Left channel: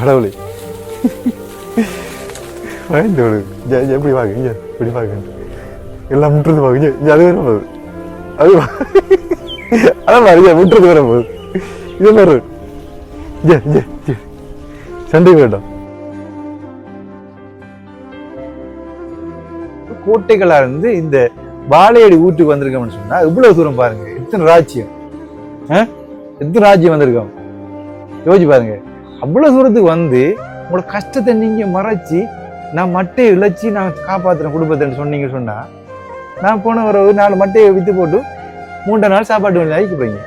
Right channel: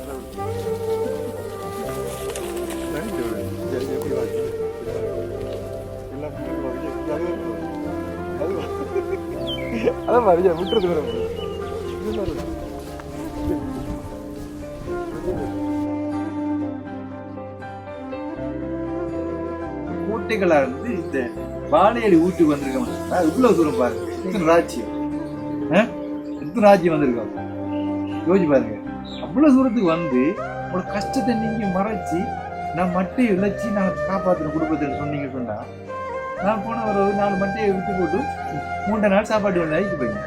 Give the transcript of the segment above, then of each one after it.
கடவுளே எப்படி வாங்க இப்படி வாங்க எல்லாம் முட்டுறது வாங்க அது வரும் அது அதான் முட்டுறது வர போகுது இது வரும் சண்டை வேண்டாம். கோட்டைகளா இருந்து இந்த வாழையடி ஊட்டுக்கு வந்திருக்கோம்னு சொன்னா இவ்வளவு தூரம் பாருங்க. எத்தனை ராஜ்யம் எத்தனை ராஜ்யம் வந்திருக்கோம் யோசிச்சு பாருங்க. அவ்வளவு தூரத்துக்கு வந்து உங்களோட கஷ்டத்தை நீங்க மறைச்சு நான் மட்டையை இழைச்சி நான் காப்பாத்துறேன் குடும்பத்தை சொன்னீங்க சொன்னா நான் போன ஒரு 4 மட்டையை வித்து போட்டு 3 நாள் சாப்பாட்டு கொஞ்சம் அழிக்க போறீங்க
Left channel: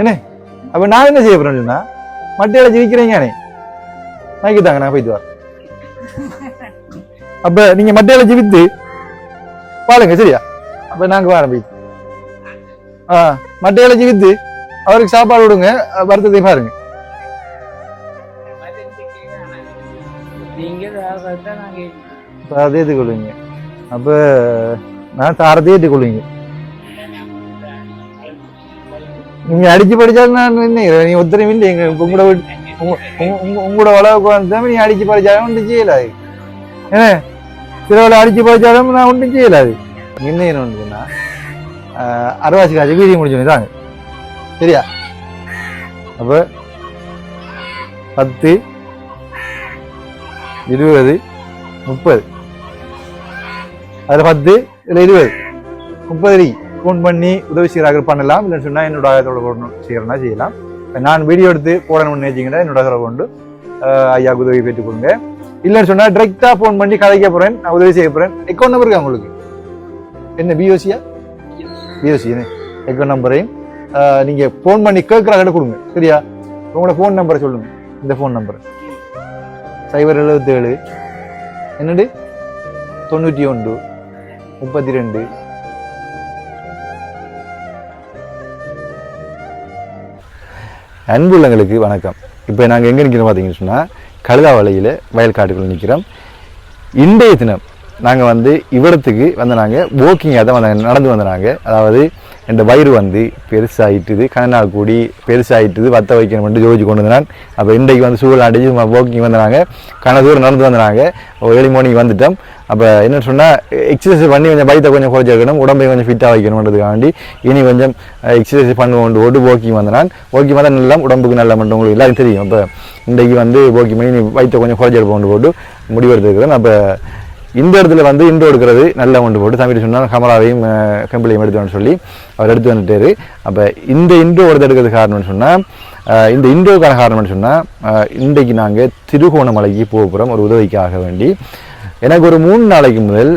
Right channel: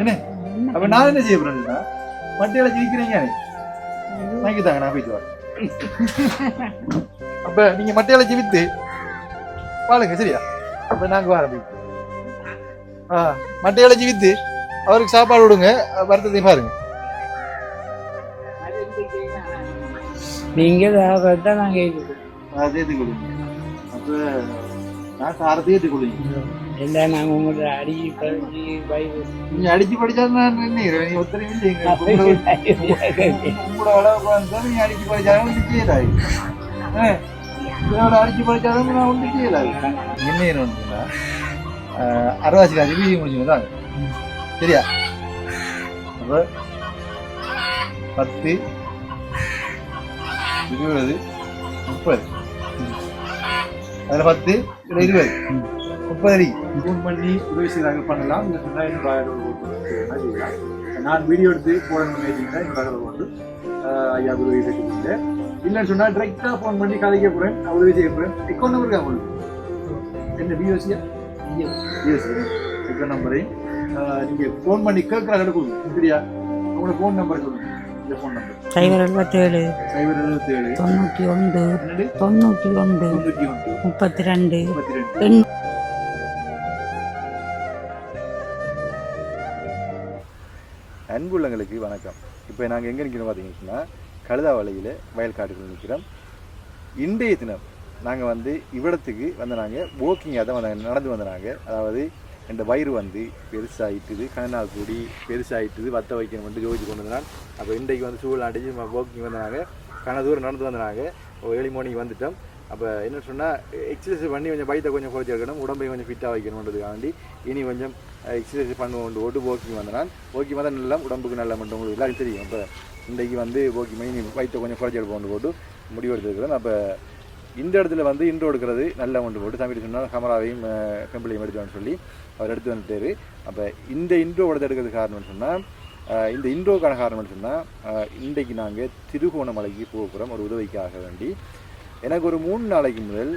என்ன? அப்ப நான் என்ன செய்ய போறேன்னு சொன்னா மட்டை இழைச்சி விற்கிறீங்க வாங்கிட்டாங்க நான் போயிட்டு வரேன். அப்ப நீங்க மட்டை இழைச்சி வித்து பாருங்க சரியா? அப்ப நாங்க வரோம் போயிட்டு மட்டை இழைச்சி வித்து அவருக்கு சாப்பாடு விடுங்க வருத்தத்தை பாருங்க. நீங்க அதே ஏற்றுக்கொள்வீங்க. அப்ப நான் தாரத்தை ஏற்றுக்கொள்வீங்க. நீங்க அடிச்சு படிச்சாலும் நான் என்ன நீங்க ஒத்தரையும் இல்லை எங்க உங்களோட வளவுக்கு வந்து நீங்க அடிச்சு படிச்சாலும் ஒன்றும் செய்யலாது. ஏன்னா திருவிழா அடிச்சு படிச்சாலும் நான் ஒன்றும் செய்யலாது. என்ன சொன்னா அரைவாசி காசு வீதியை முடிச்சு தாங்க சரியா? அப்ப 10 20 30 அதுல 10 இல்ல 20 30 நீ ஃபோன் பண்ணி உதவி செய்யறாங்க பண்ணலாம். இல்லைன்னு சொன்னா என்னோட ஆயத்தோட செய்யறேன்னா செய்யலாம். நான் வீடியோ எடுத்து போடணும்னு நினைச்சீங்கன்னா என்னோட ஆதரவு கொண்டு ஐயாவுக்கு உதவி பெற்றுக் கொடுங்க. இல்லைன்னு சொன்னா டிரெக்டா போன் பண்ணி கதைக்க போறேன், நான் உதவி செய்ய போறேன். அக்கௌண்ட் நம்பர் இருக்கா உங்களுக்கு? என்ன பிஓசியா? பிஓசி அக்கௌண்ட் நம்பரையும் நீங்க போன் பண்ணி கேட்கறாங்க கொடுங்க சரியா? உங்களோட போன் நம்பரை சொல்லுங்க. இந்த போன் நம்பர் 077 என்னது 91 32 அன்புள்ளங்களுக்கு வணக்கம். இப்போ நாங்கள் எங்கே நிற்கிறோம் பார்த்தீங்கன்னு சொன்னால் கழுதாவளையில் வயல் காட்டுக்குள்ள நிற்கிறோம். இன்றைய தினம் நாங்கள் வந்து இவ்விடத்துக்கு வந்து நாங்கள் வாக்கிங்காக தான் வந்தாங்க, நடந்து வந்தாங்க. அதாவது என் வயிறு வந்து பெருசாகிட்டுது, கண்ணால் கூடி பெருசாகிட்டுது, வத்த வைக்கணும்னு ஜோதிச்சு கொண்டு வந்தான். அப்போ இன்றைக்கு வந்து சூழல் அடிச்சு வாக்கிங் வந்தாங்க, கண்ண தூரம் நடந்து வந்தாங்க. ஏர்லி மார்னிங் வந்துட்டோம். அப்போ என்ன சொன்னால் எக்ஸசைஸ் பண்ணி கொஞ்சம் வயிற்றை கொஞ்சம் குறைச்சி வைக்கணும், உடம்பை கொஞ்சம் ஃபிட்டாக வைக்கணுன்றதுக்காண்டி இனி கொஞ்சம் எக்ஸசைஸ் பண்ணுவோண்டு ஓட்டு வாக்கிங் வந்தான். வாக்கிங் வந்தால் நல்லா உடம்புக்கு நல்லா மட்டும் உங்களுக்கு எல்லாரும் தெரியும். அப்போ இன்றைக்கு வந்து வாக்கிங் பண்ணி வயிற்றை கொஞ்சம் குறைச்சி எடுப்போம் போட்டு முடிவெடுத்துருக்கிறேன். அப்போ இந்த இடத்துல வந்து இண்டோ எடுக்கிறது நல்லா கொண்டு போட்டு தம்பி சொன்னால் கமலாவையும் கம்பிளையும் எடுத்துன்னு சொல்லி அவர் எடுத்து வந்துட்டாரு. அப்போ இந்த இண்டோ எடுக்கிறது காரணம்னு சொன்னால் இந்த இண்டோக்கான காரணம்னு சொன்னால் இன்றைக்கு நாங்கள் திருகோணமலைக்கு போக போகிறோம் ஒரு உதவிக்காக வேண்டி. எனக்கு ஒரு 3 நாளைக்கு முதல்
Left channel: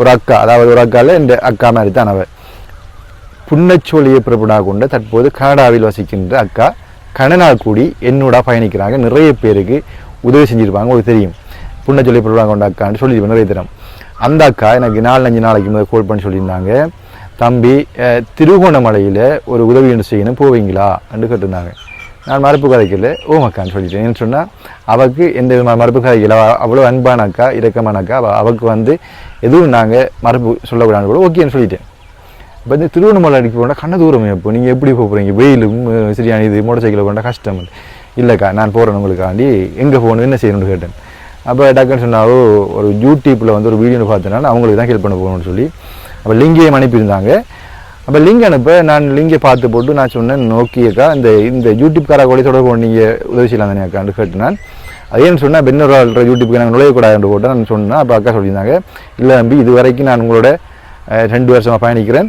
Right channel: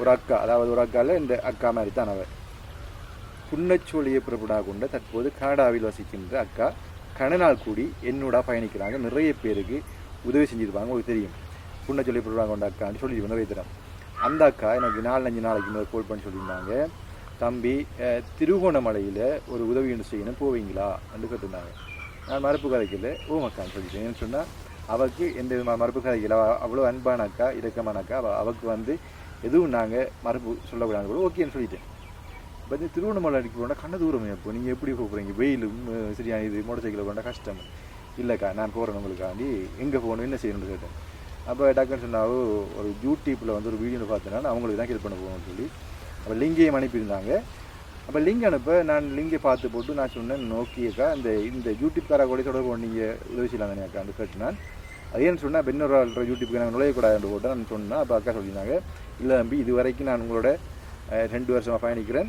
ஒரு அக்கா, அதாவது ஒரு அக்காவில் இந்த அக்கா மாதிரி தான் அவர் புன்னச்சோழியை பிறப்படாக கொண்டு தற்போது கனடாவில் வசிக்கின்ற அக்கா கனநாள் கூடி என்னோட பயணிக்கிறாங்க. நிறைய பேருக்கு உதவி செஞ்சுருப்பாங்க, உங்களுக்கு தெரியும். புன்னச்சொல்லி பிறப்படாக கொண்ட அக்கான்னு சொல்லியிருப்பேன் நிறைய தரம். அந்த அக்கா எனக்கு 4-5 நாளைக்கு முதல் கால் பண்ணி சொல்லியிருந்தாங்க, தம்பி திருகோணமலையில் ஒரு உதவி ஒன்று செய்யணும் போவீங்களா என்று கேட்டிருந்தாங்க. நான் மறுப்பு கதைக்கல ஓமக்கான்னு சொல்லிட்டேன். என்ன சொன்னால் அவருக்கு எந்த மறுப்பு கதைக்கல, அவ்வளோ அன்பான அக்கா, இரக்கமான அக்கா. அவருக்கு வந்து எதுவும் நாங்கள் மறுப்பு சொல்லக்கூடாது கூட ஓகேன்னு சொல்லிட்டேன். இப்போ இந்த திருவண்ணாமலை அடிக்க போனால் கண்ண தூரம் இப்போ நீங்கள் எப்படி போகிறீங்க, வெயிலும் சரியான இது மோட்டர் சைக்கிளில் போனால் கஷ்டம். இல்லைக்கா நான் போகிறேன் உங்களுக்காண்டி, எங்கே போகணும் என்ன செய்யணும்னு கேட்டேன். அப்போ டக்குன்னு சொன்னாவோ ஒரு யூடியூப்பில் வந்து ஒரு வீடியோ பார்த்தனால அவங்களுக்கு தான் ஹெல்ப் பண்ண போகணும்னு சொல்லி அப்போ லிங்கையும் அனுப்பியிருந்தாங்க. அப்போ லிங்க் அனுப்ப நான் லிங்கை பார்த்து போட்டு நான் சொன்னேன், ஓகேக்கா இந்த யூடியூப்கார கூட தொடர்பு நீங்கள் உதவி செய்யலாம் தானே அக்கான்னு கேட்டு நான் அதேன்னு சொன்னால் பெண்ணூர் யூடியூப்புக்கு நாங்கள் நுழையக்கூடாதுன்னு போட்டு நான் சொன்னேன். அப்போ அக்கா சொல்லியிருந்தாங்க, இல்லை தம்பி இது வரைக்கும் நான் உங்களோட 2 வருஷமாக பயணிக்கிறேன்,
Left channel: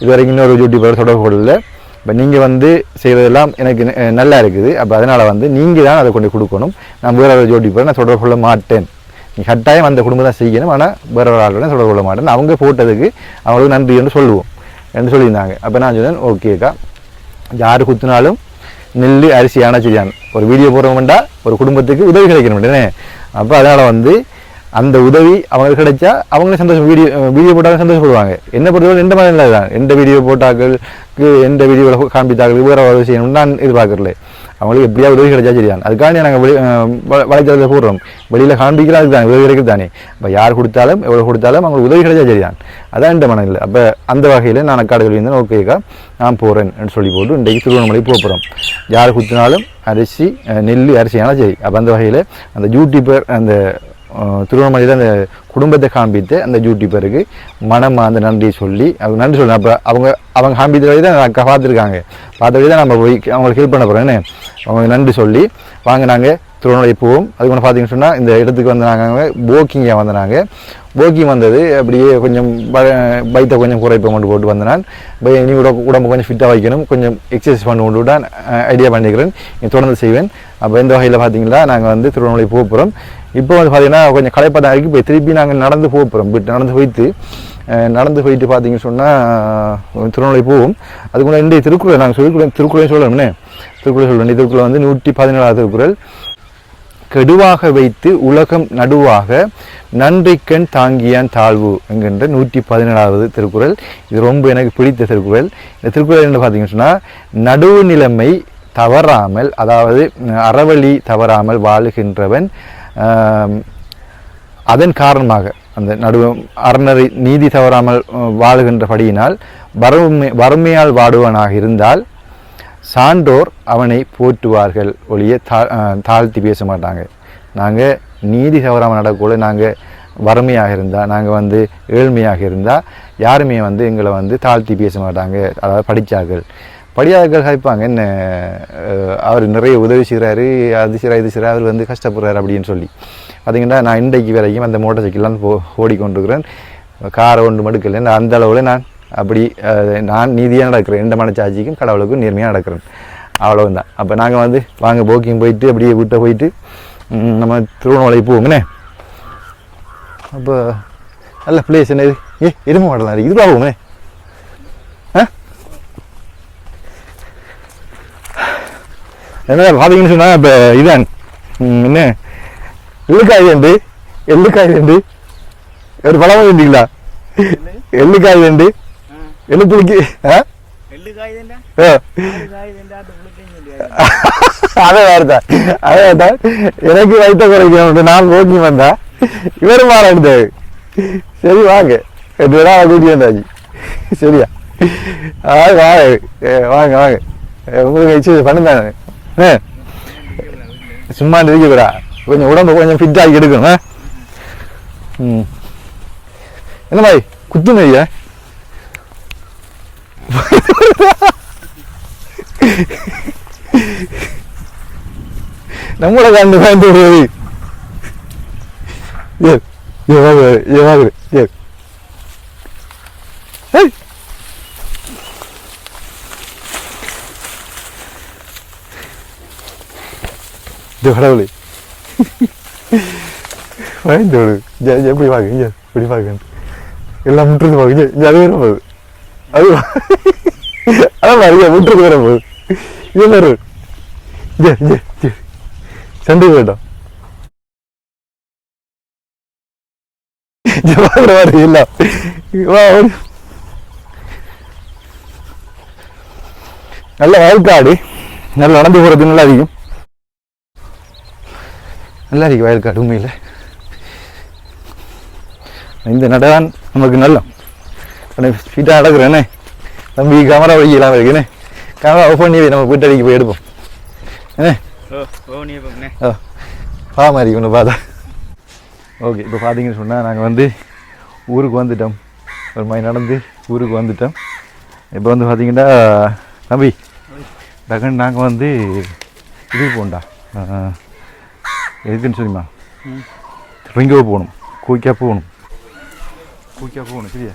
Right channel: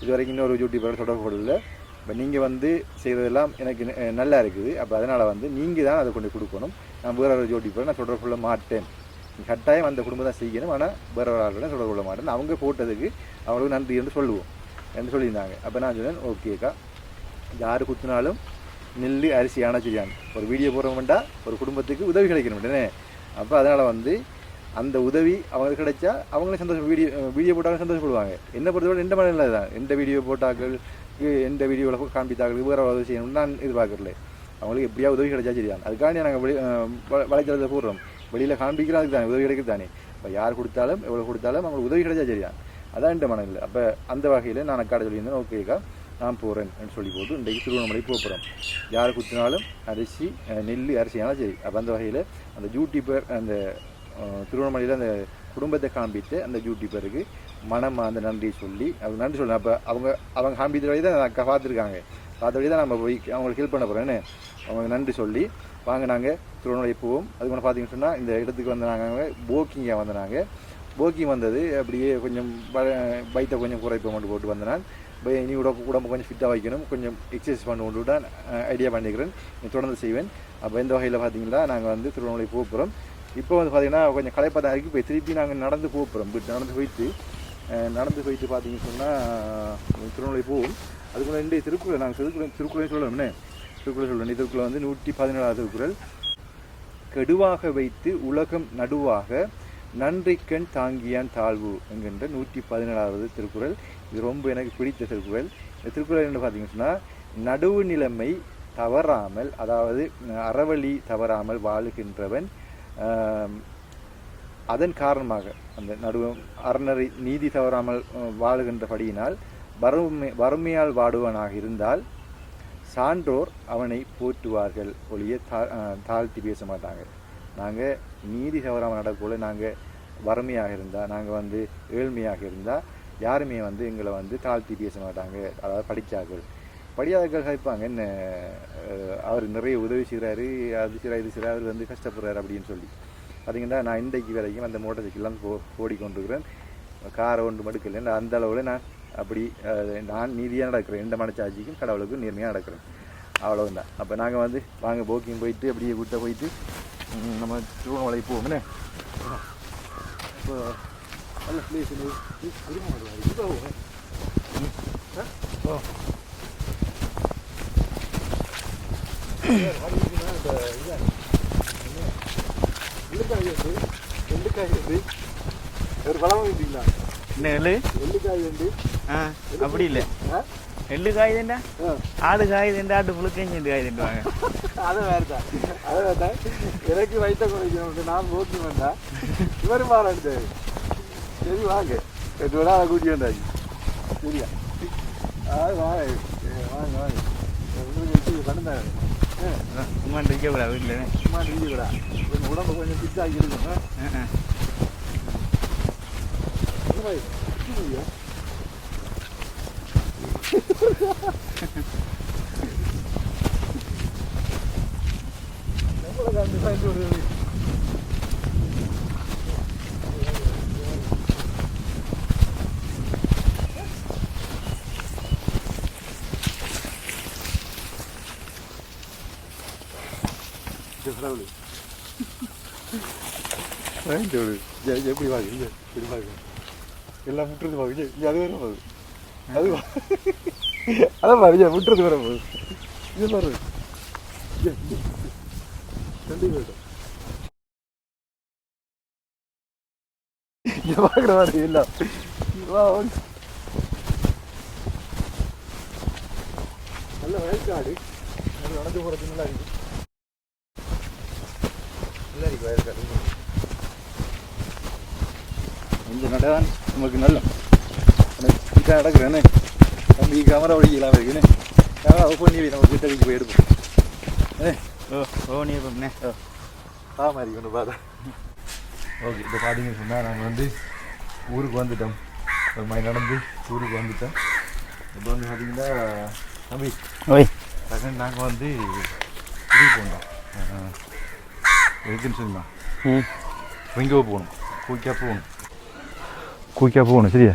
இது வரைக்கும் இன்னொரு யூடியூப்பர் தொடர்பு கொள்ளல. இப்போ நீங்கள் வந்து செய்கிறதெல்லாம் எனக்கு நல்லா இருக்குது. அப்போ அதனால் வந்து நீங்கள் தான் அதை கொண்டு கொடுக்கணும், நான் வேறு ஒரு யூடியூப்பரை நான் தொடர்பு கொள்ள மாட்டேன். நீங்கள் கட்டாயம் அந்த குடும்பம் தான் செய்யணும், ஆனால் வேறு ஒரு ஆளுடன் தொடர்பு கொள்ள மாட்டேன். அவங்க போட்டதுக்கு அவங்களுக்கு நன்றி என்று சொல்லுவோம் என்று சொல்லியிருந்தாங்க. அப்போ நான் சொன்னேன், ஓகேக்கா யார் குத்துனாலும் நெல் அரிசி ஆனச்சிரியான் ஒரு வீடியோ போடுறோம்டா ஒரு குடும்பத்துக்கு உதவி கிடைக்கணும்னே. அப்போ அதனால் வந்து அந்த உதவி அவங்களுக்கு கிடைச்சா அவங்களே சந்தோஷம், வீடியோ போட்டாலும் சந்தோஷப்படுவாங்க. என்ன பொறுத்தவரை எந்த மாதிரி இல்லை தான், எந்த வீடியோ போட்டாக்களுக்கு எந்த வீடியோவில் காண்பித்தாக்களுக்கு வேறு உதவி செய்யணும்னு நான் எதிர்பார்க்கல. அவங்களுக்கு எப்படியாவது உதவி கிடைச்சா சரிதான். அதுக்காண்டி நாங்கள் வலைத்தளத்தை போடுறோம். வெளியில் காண்பிக்கிறோம், அதுக்கு தான் உதவி கிடைக்கிறது தானே. இப்போ யார் கொடுத்தாலும் எவ்வளோ கொடுத்தாலும் அவங்களுக்கு உதவி கிடைச்சா சரிதான். அதான் இந்த மனநிலை. அப்போ அந்த வகையில் நான் அக்காடு சொல்லியிருந்தேன், ஓகேக்கா நான் போகிறேன்னு சொல்லி போட்டு இன்றைக்கு திருவண்ணாமலை போகிறோம். யார் கொடுத்தினாலும் அரிசி நெல் அரிசி ஆனால் சரி. அப்போ அந்த வகையில் அந்த யூடியூபர் அந்த திருவண்ணாமலையில் அந்த குடும்பத்தை காண்பித்து அந்த யூடியூபருக்கு மனம் அந்த நன்றியை சொல்லி அவங்க நன்றி சொல்லணும். அப்போ அவங்க காண்பித்த வழி தான் அக்கா பார்த்துருக்காங்க. பார்த்த வழி தான் நம்ம போய் அவங்களுக்கு ஹெல்ப் பண்ண போகிறோன்னு அவங்க நன்றி சொல்லி வாங்க நாங்கள் திருவண்ணாமலை போவோம். அதுக்கு ஒன்று பார்த்தீங்கன்னு சொன்னால் இந்த இடத்துக்கு வந்து நாங்கள் போக்கிங்காக வந்தனாங்க. போக்கிங் வந்தது அப்படியே கொஞ்சம் பைத்தை கொஞ்சம் குறைப்பை கொண்டு போட்டு வந்தனால் இனி உடம்பு கொஞ்சம் ஃபிட்டாக வைக்கணும், கொஞ்சம் எக்ஸசைஸ் பண்ணி கொண்டு விட்டால் ஐடியா பண்ணிக்கிறேன், தொடர்ந்து செய்வேன். அப்போ இந்த வகையில் பார்த்தீங்கன்னா நாங்கள் வந்து திருவண்ணாமலை போக போகிறோம். இப்போ வந்து பார்த்தீங்கன்னா கொஞ்சம் களைப்பாக இருக்கு. இப்போ திருப்பி நாங்கள் நடந்து போக போகிறோம். நடந்து போயிட்டு பார்த்தீங்கன்னு சொன்னால் திருவண்ணாமலை போவோம். அதுக்கு முன்னாடி இன்றைய திருக்குறள் நாங்கள் திருக்குறளையும் சொல்லணும்னே. திருக்குறள் சொல்லுவேன். திருக்குறள் வந்து 117வது திருக்குறள். கெடுவாக வைத்து உலகம் நடுவாக நன்றிக்கண் தாங்கியான் தாழ்வு என்கின்ற 117வது திருக்குறள். இது ரொம்ப எனக்கு பிடித்த திருக்குறள். இந்த திருக்குறள் என்ன பார்த்தீங்கன்னு சொன்னால், நடுவு நிலைமை தவறாமல், அதாவது அறவழி தவறாமல் வாழுகின்றவன் அதன் காரணமாக அந்த அறநெறி நீதி தவறாமல் வாழுகின்றபடியினால் வறுமையால் வாடுவனாக இருந்தால் சான்றோர் அவனை போற்றுவார்கள் ஒழிய தாழ்த்தி பேச மாட்டாங்க. நாங்கள் நீதி தவறாமல் நடக்கக்கூட நாங்கள் வறுமையாக இருந்தால், நாங்கள் வந்து ஏழ்மையாக இருந்தால் யாருமே வந்து எங்களை வந்து தாழ்த்தி பேச மாட்டாங்க. அதாவது படியார்கள் கேட்பாங்க, என்ன அவர் நிறைய உதவி செய்கிறாரு, அது செய்கிறார் இது செய்கிறார், அவர் வந்து கஷ்டப்படுறாரு அப்படின்னு சொல்லி. பார்த்தீங்கன்னா நான் இன்றைக்கு வரைக்கும் அந்த மோட்டார் சைக்கிள்லாம் ஓடிக்கொண்டிருக்கிறேன். காரை ஒன்று மடுக்கலை. அந்த அளவில் நான் அப்படி நான் நீதியாக நடக்கிறேன். எந்த மனச்சாட்சிக்கும் கடவுளுக்கும் நேர்மையாக நடக்கிறேன். அவ்வளவுதான். அப்போ நாங்கள் வந்து வாங்க போக்கிங் போயிட்டு அப்படியே வீட்டை போயிட்டு நம்ம திருவண்ணாமலை போவோங்கண்ணே. அப்போ நல்ல பிளேஸ் என்ன இது, எருமை மாடலாம் இருக்குது, இதுவாக போவோங்கண்ணே. என்ன பார்த்தீங்கன்னு சொன்னால் இப்போ இதான் என்ன எள்ளுக்காய் வேண்டு ஒரு பழம் வேண்டிங்களா? எள்ளுக்காய் வேண்டு எள்ளுப்புளிக்கு அதான் எனக்கு வைத்த குறைக்கணும். நான் போக்கி வந்தா இவரு மாற எடுத்தாரு. சரி வாங்க, 8 பேரா கூட்டி வந்தாச்சு. சரியா? வாங்க வாங்க உங்களுக்கு பண்ணுதானே. சும்மா இருக்கா, கொஞ்சம் உடம்பு கொஞ்சம் ஃபிட் ஆகி எடுக்கணும். என்ன மாதிரி குத்துங்க ஐயா, நம்மளை கண்டு பயந்து விடுவது. கடவுளே பயந்து விடு. எப்படி பாக்கு இப்படி பாக்கு எல்லாம் முட்டுறது பாக்கு. அது வேற போகுது, அது அதான் முட்டுறது வேற போகுது. இது வேறு சண்டை வேண்டாம். நல்ல வயல்காடு, நல்லா நடந்து போறது நல்லா இருக்கும். நல்லா இருக்கு வயல்காடு உண்மையில். இந்த நடதான் நமக்கு நல்ல ஸ்பீட்டாக நடக்கிறேன்னே. தம்பி கேமரா வழிக்கலாம் இருக்குண்ணே. கேமரா ஆஃப் பண்ணி நம்ம போயிட்டு அடிக்க போய் எடுப்போம். என்ன மாதிரி ஒன்று பார்த்தா ஓகே. இப்போ பார்த்தீங்கன்னு சொன்னால் நாங்கள் வந்து ஊருக்கு வந்துட்டோம். ஒரு மாதிரி நடந்து ஊருக்கு வந்துட்டோம். இப்போ வந்து பார்த்தீங்கன்னா தம்பி ஓய் டக்குன்னு நாங்கள் வந்து இது போண்டா எதுக்குன்னு சொல்லிமா இங்கே போகணும், கூய்க்கா போகணும். சரியா?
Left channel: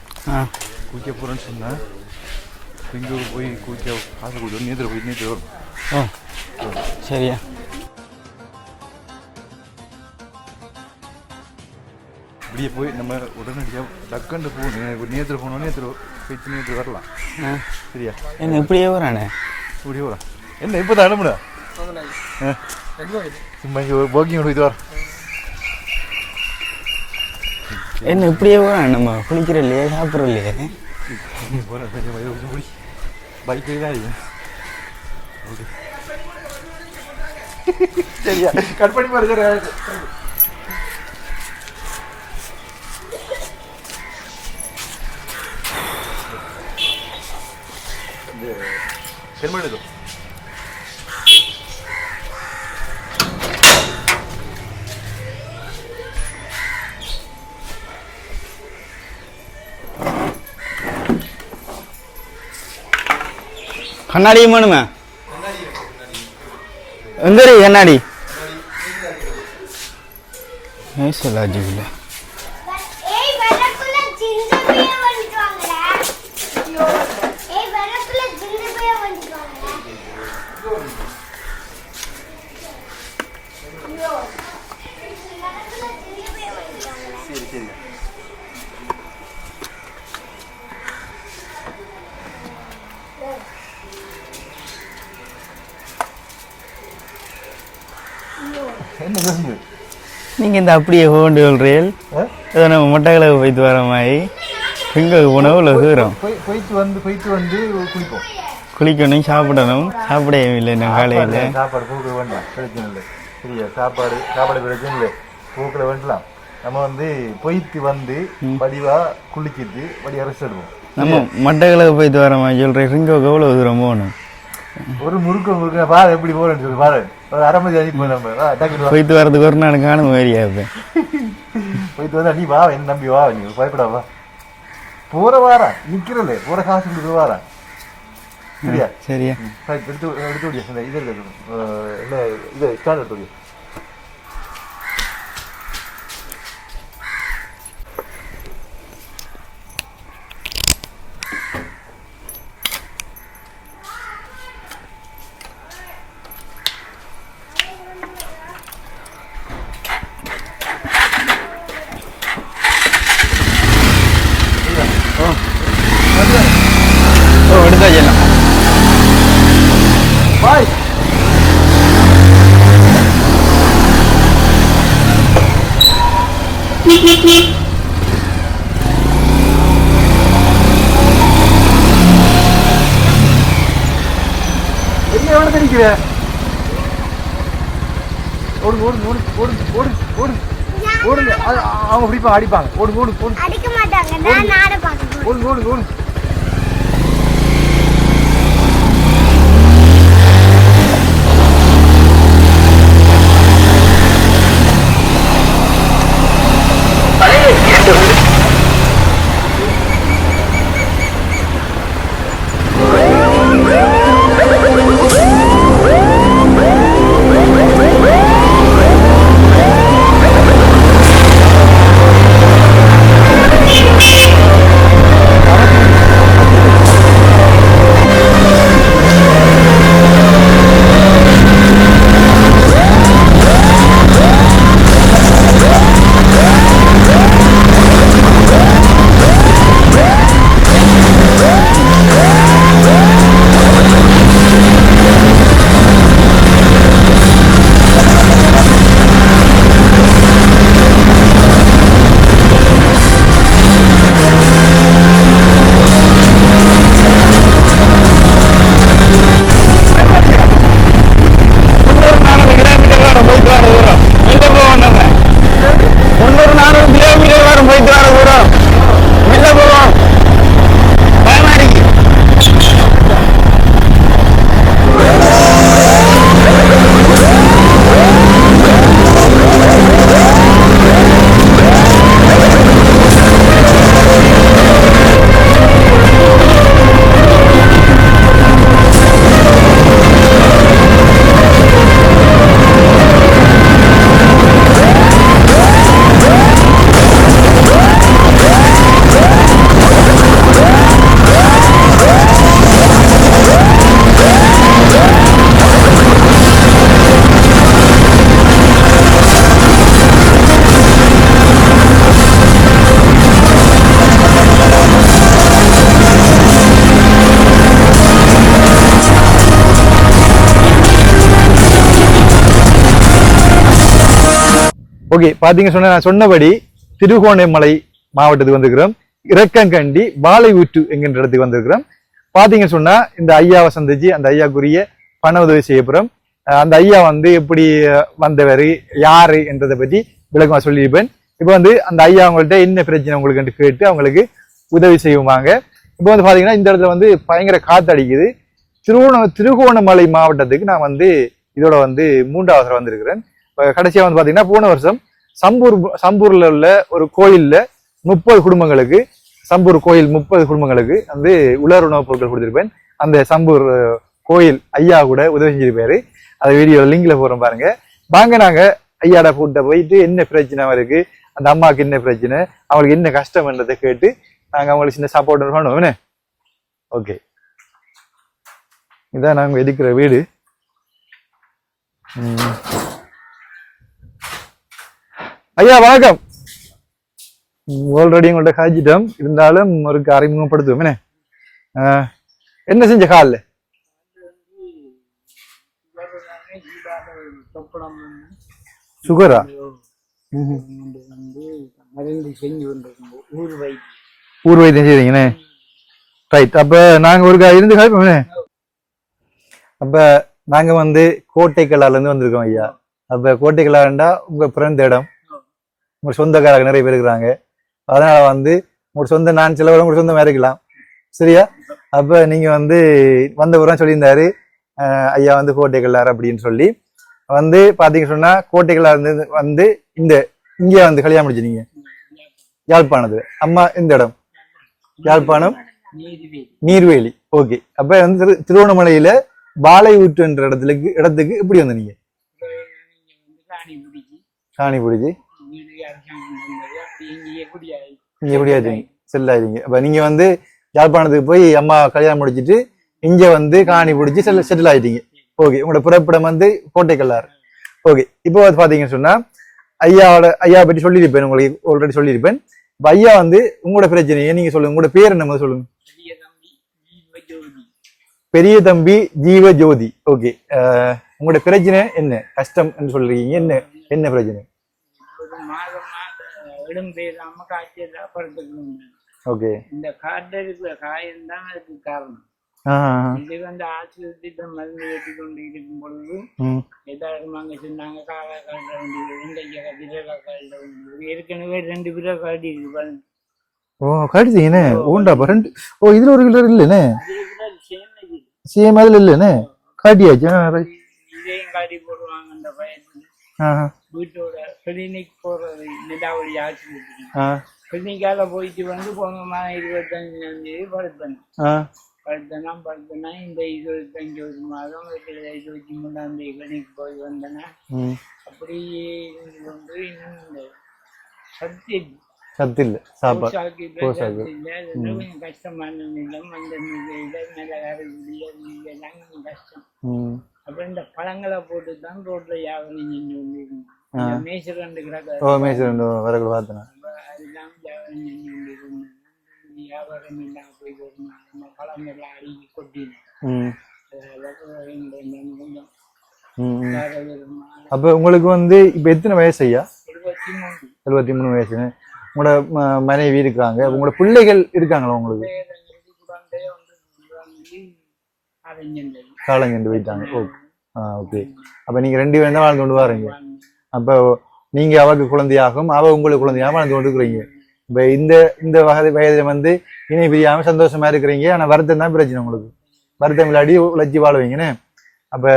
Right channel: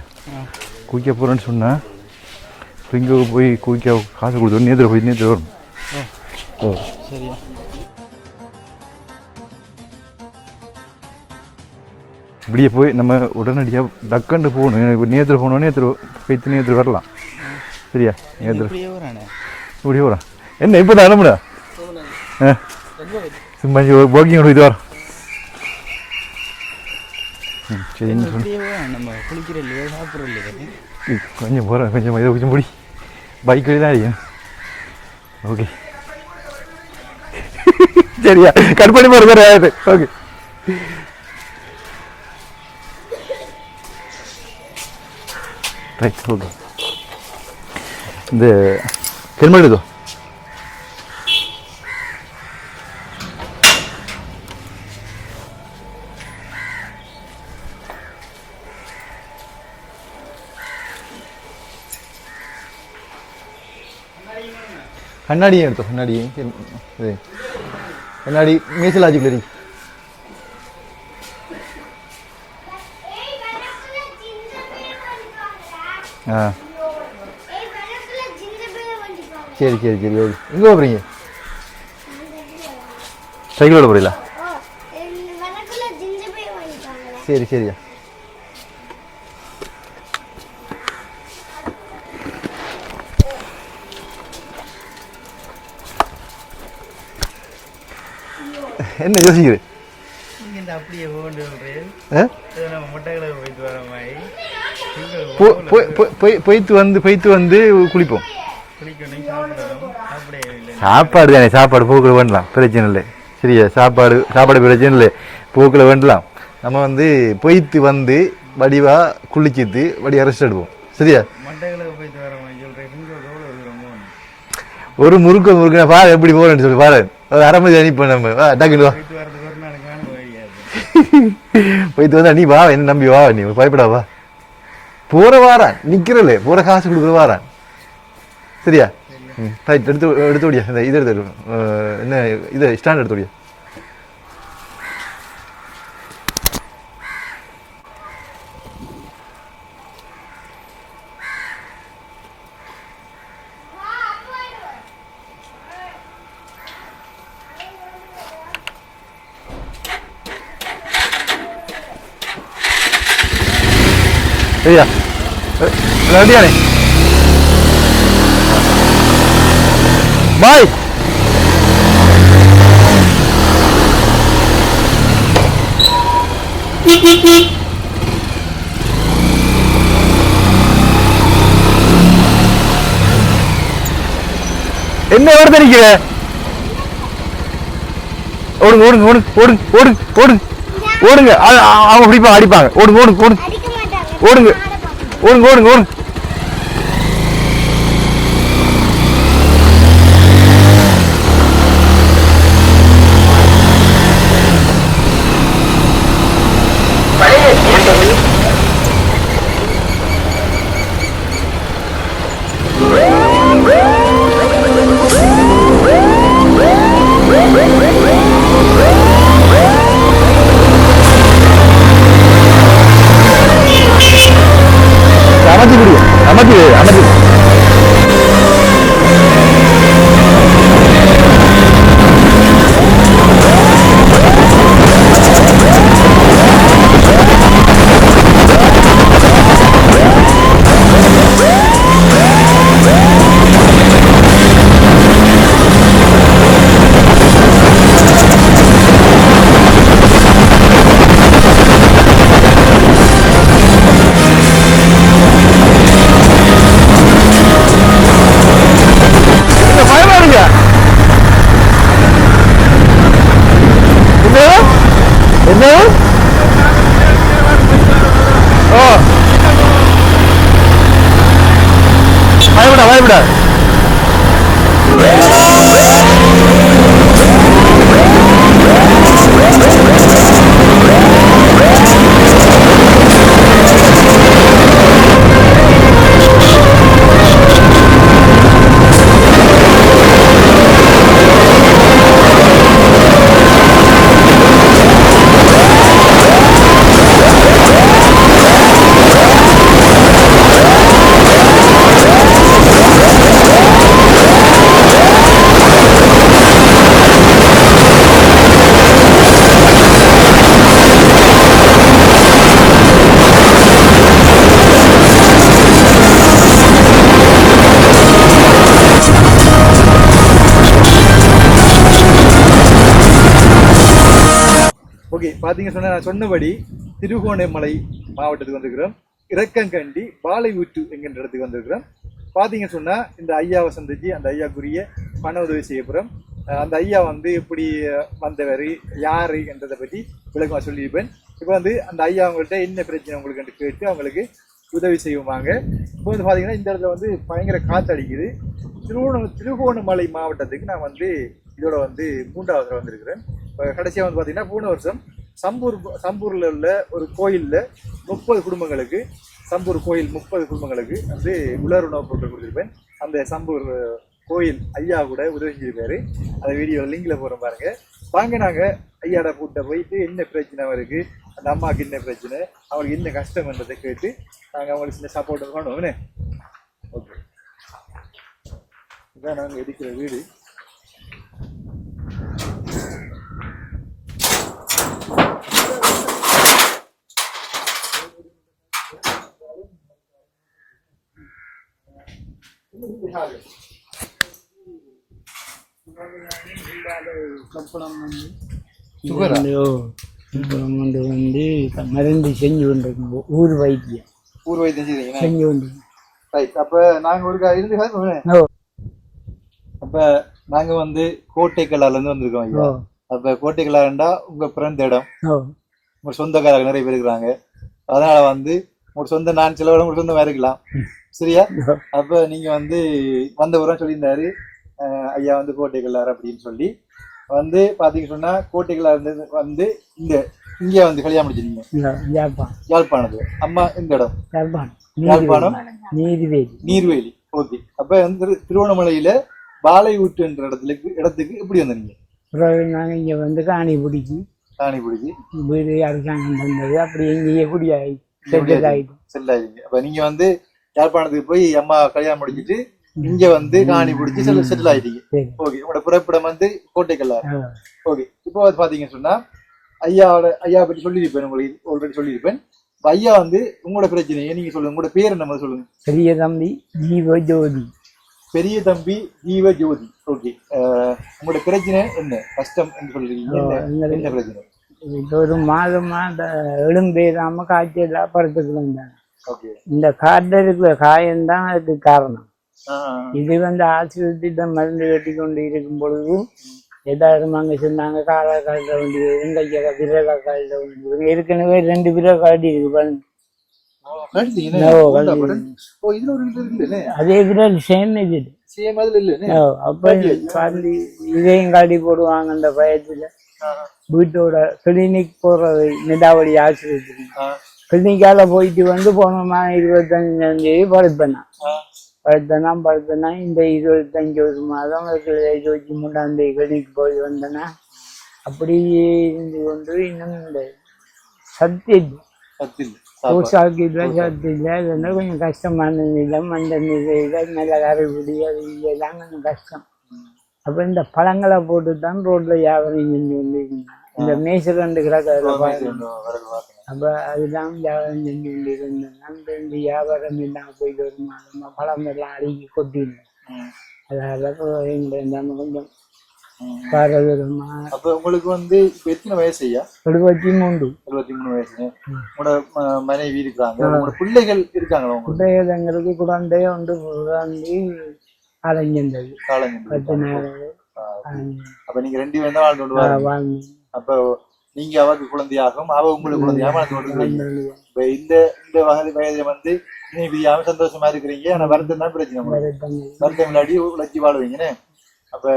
கூய்க்கா போகிறேன்னு சொன்னால் இங்கே போய் கூய்க்கா காசு கொடுத்து நேற்று வரும். ஓ சரியா? இப்படியே போய் நம்ம உடனடியாக டக்குன்னு போகணும். எனக்கு நேற்று போனோன்னே நேற்று வரலாம். சரியா? இப்படியே வரானே, இப்படியே வரான். என்ன இப்போ தான் அனுப்புடா சும்மா போக்கிங் இது வரோம். என்ன இப்படியே வரான், நம்ம குளிக்கிற இல்லையா சாப்பிட்ற இல்லையா? கொஞ்சம் போகிறேன், கொஞ்சம் இதை கொஞ்சம் முடி பைக் வழி தான் இருக்கும். ஓகே சரியா கட் பண்ணி போறது ஓகே இந்த ஹெல்மெட் இதோ கண்ணாடியும் வேணுமே கண்ணாடியும் எடுத்தோம் கண்ணாடியும் எங்க இருக்கு கண்ணாடி கண்ணாடி மீசலாஜிக்கல் இருக்கு மீசலாஜிக்கல் ஆ சரி சரி சரி ஓகே எங்கே போகிறீங்க சைக்கிளோட போறீங்களா சரி சரிங்க என்ன யோசிக்குது நீங்க இந்த அப்படியே கொண்டு சொல்றீர்கள் ஏதோ நம்ம மொட்டைகளை போய்த்து வர மாதிரி எங்க உணவுல தூரம் போய்த்து வந்து குளிப்போம் குளிக்கணும் சாப்பிடணும் சாப்பிடவே இல்லை சாப்பாடு தானே சாப்பாடு போக்குல வேண்டலாம் பிரச்சனை இல்லை சரியா சாப்பாடு பிரச்சனை இல்லை போக்குல வேண்டலாம் நம்ம வந்து போய்த்து வந்து வடிவா குளிச்சிட்டு வடிவா ரெஸ்ட் எடுப்போம் சரியா மட்டைகளுக்கு போய்த்து வர மாதிரி சொல்றேன் இங்க எவ்வளவு தூரம் போகணும் ஒரு முறுக்க பா எப்படி போறேன்னு சொல்லி பாரு ஒரு அரை மணி அனுப்பி நம்ம டக்குனு போய்த்து வரதுக்கு ஒரு நாள் காணும் மாதிரியா இருப்பேன் போய்த்து வந்தா நீ வா என்ன நம்பி வா நீ பயப்படா வா போற வாரா நிக்கிறல போற காசு கொடுக்குற வாரா சரியா சரியா ரைட் எடுத்து ஓடியா இந்த இது எடுத்து என்ன இது ஸ்டாண்ட் எடுத்து ஓடியா சரியா ரெடியா எடுத்தா என்ன பாய் என்ன எவ்வளவு தெரிக்கிற ஓடுங்க ஓடுங்க ஓடுங்க ஓடுங்க ஓடுங்க ஓடுங்க அவங்க பிடிப்பாங்க அடிப்பாங்க ஓடுங்க ஓடுங்க ஓடுங்க ஓடுங்க ஓடுங்க ஓடுங்க ஓடுங்க ஓகே பாத்தீங்க நான் சொன்னபடி திருகோணமலை மாவட்டத்துக்கு வந்திருக்கிறோம் இறக்கங்கண்டி வாழை ஊற்று என்கின்ற இடத்துக்கு வந்திருக்கிறோம் பாத்தீங்க சொன்னா இந்த ஐயாவை சந்திச்சு அந்த ஐயாக்குரிய பண உதவி செய்ய போறோம் அந்த ஐயா வந்து எப்படி வந்தவர் யாரு என்றதை பற்றி விளக்கமா சொல்லியிருப்பேன். இப்போ வந்து அந்த ஐயா அவங்கள்ட்ட என்ன பிரச்சனை உங்களுக்கு கேட்டு அவங்களுக்கு உதவி செய்வாங்க. இப்போ வந்து பாத்தீங்கன்னா இந்த இடத்துல வந்து பயங்கர காத்து அடிக்குது. திருகோணமலை மாவட்டத்துக்கு நான் வந்து இதோட வந்து 3வது தடவை வந்திருக்கிறேன். கடைசியா வந்து பாத்தீங்கன்னா போன வருஷம் சம்பூர்ல உள்ள ஒரு கோயில்ல 30 குடும்பங்களுக்கு சம்பூர் கோயில் 30 குடும்பங்களுக்கு வந்து உலர் உணவுப் பொருட்கள் கொடுத்திருப்பேன். அந்த சம்பூர் கோயில் ஐயா கூட உதவி செஞ்சிருப்பாரு. அந்த வீடியோ லிங்க்ல போறோம் பாருங்க. வாங்க நாங்க ஐயாட கூட்ட போயிட்டு என்ன பிரச்சனை இருக்கு, அந்த அம்மாவுக்கு என்ன பிரச்சனை, அவங்களுக்கு என்ன கஷ்டம்ன்றதை கேட்டு நாங்க அவங்களுக்கு சின்ன சப்போர்ட் பண்ணுவோம். ஓகே, இதான் நாங்க இருக்கிற வீடு. ஐயா வணக்கம். ஆல்ரெடி உங்கள்கிட்ட காய்ச்சிட்டோம், இருந்தாலும் ஒரு அறிமுகப்படுத்துவோம். என்ன செஞ்ச காலில்? சுகரா? வந்து மருந்து செஞ்சு கொண்டிருக்கும் ஊர் வைத்தியம் செய்றீங்கண்ணே. ரைட். அப்ப நாங்க ஒரு இருந்து காய்ப்போம்ண்ணே. அப்ப நாங்க வந்து கோட்டைக்கல்லால இருந்து வந்திருக்கோம் ஐயா. அப்ப கோட்டைக்கல்லாண்டா உங்க பிறந்த இடம், உங்க சொந்தக்காரங்க நிறைய பேர் இருக்கிறாங்க. அதனால வந்து உங்க சொந்த நான் சில உங்க சொந்தமா இருக்கலாம், சரியா? அப்ப நீங்க வந்து வந்த பிறகு சொல்லியிருந்தாரு ஐயா வந்து கோட்டைக்கல்லார் அப்படின்னு சொல்லி வந்து பாத்தீங்க சொன்னா கோட்டைக்கல்லார் இருந்து வந்து இங்க வந்து கல்யாணம் முடிச்சிருக்கீங்க யாழ்ப்பாணத்துல. அம்மா இந்த இடம் யாழ்ப்பாணம் நீர்வேலி. ஓகே. அப்ப வந்து திருவண்ணாமலையில வாழை ஊற்றுன்ற இடத்துக்கு எப்படி வந்தீங்க? நாங்க இங்க வந்து காணி பிடிச்சி வீடு அரசாங்கம் தந்தது, அப்படி எங்கேயே செல்லாயிருங்க. அப்ப நீங்க வந்து யாழ்ப்பாணத்துக்கு போய் அம்மா கல்யாணம் முடிச்சிட்டு இங்க வந்து காணி பிடிச்சி செட்டில் ஆயிட்டீங்க. ஓகே. உங்களோட பிறப்பிடம் வந்து கோட்டைக்கல்லார். ஓகே. இப்போ பாத்தீங்கன்னு சொன்னா ஐயா பற்றி சொல்லியிருப்பேன், உங்களுக்கு ஆல்ரெடி சொல்லியிருப்பேன். இப்ப ஐயா வந்து உங்களோட பிரச்சனையை நீங்க சொல்லுங்க. உங்களோட பேர் என்ன சொல்லுங்க. பெரிய தம்பி ஜீவஜோதி. பெரிய தம்பி ஜீவஜோதி. ஓகே. உங்களோட பிரச்சனை என்ன, கஷ்டம் என்று சொல்றீங்க? என்ன பிரச்சனை? இப்போ ஒரு மாதமா எழும்பேறாம காய்ச்சலா படுத்துக்கலாம். ஓகே. இந்த காட்டில் இருக்கிற காயம்தான் அதுக்கு காரணம். இது வந்து ஆஸ்பத்திரியில மருந்து கட்டி கொண்டு இருக்கும் பொழுது ஏதாவது அங்க சொன்னாங்க காலை காட்ட வேண்டியது, எங்க விரலை காட்ட வேண்டியது. ஏற்கனவே 2 விரல் காட்டி இருக்கு. இதுல ஒரு விரல் இல்லைன்னு, அதே விரல் சேம் அதுல இல்லைன்னு இதையும் காட்டி போடுவாங்க. அந்த பயத்துல வீட்டோட கிளினிக் போறது நெடாவடி ஆஸ்பத்திரி கிளினிக்கால போயிட்டு வந்து போன 25ஆம் தேதி படுத்தனா இந்த 25 மாதம் 23ஆம் தேதி கிளினிக் போய் வந்தனா அப்படியே இருந்து கொண்டு இன்னும் இந்த சத்து இல்ல கொஞ்சம் கஷ்டமான நிலம். அந்த நிலையில நல்ல கரைபடி அது இல்லைலாம் கொஞ்சம் கஷ்டம். அப்ப இந்த பழங்களை போட்டுதான் ரோட்ல வியாபாரம் செஞ்சு கொண்டிருந்தாங்க. இந்த மேய்ச்சல் கிடக்க அப்ப அதுதான் வியாபாரம் செஞ்சு கொண்டிருந்தேன். இந்த வியாபாரம் இல்லாம போயிட்டு வருமா பழம் எல்லாம் அடிக்கி கொட்டினேன். அதாவது கொஞ்சம் அப்ப உங்களுக்கு வந்து இப்ப எத்தனை வயசு ஐயா? 73 வயசு. உங்களோட மனைவி இருக்காங்க, உங்களோட பிள்ளைகள் இருக்காங்களா? உங்களுக்கு எங்களுக்கு குழந்தை ஒன்று காலஞ்செண்டு போயிட்டாங்க. அப்ப நீங்க 2 பேரும் தான் வாழ்ந்து கொண்டு வரீங்க. அப்ப நீங்க அவருக்கு குழந்தையாகும், அவ உங்களுக்கு குழந்தையாக வாழ்ந்து கொண்டு இருக்கிறீங்க. இப்ப இந்த வயதுல வந்து இணை பிரியாம சந்தோஷமா இருக்கிறீங்க. ஆனா வருத்தம் தான் பிரச்சனை. உங்களுக்கு வருத்தம் விளையாடி உழைச்சி வாழ்வீங்கன்னு. அப்ப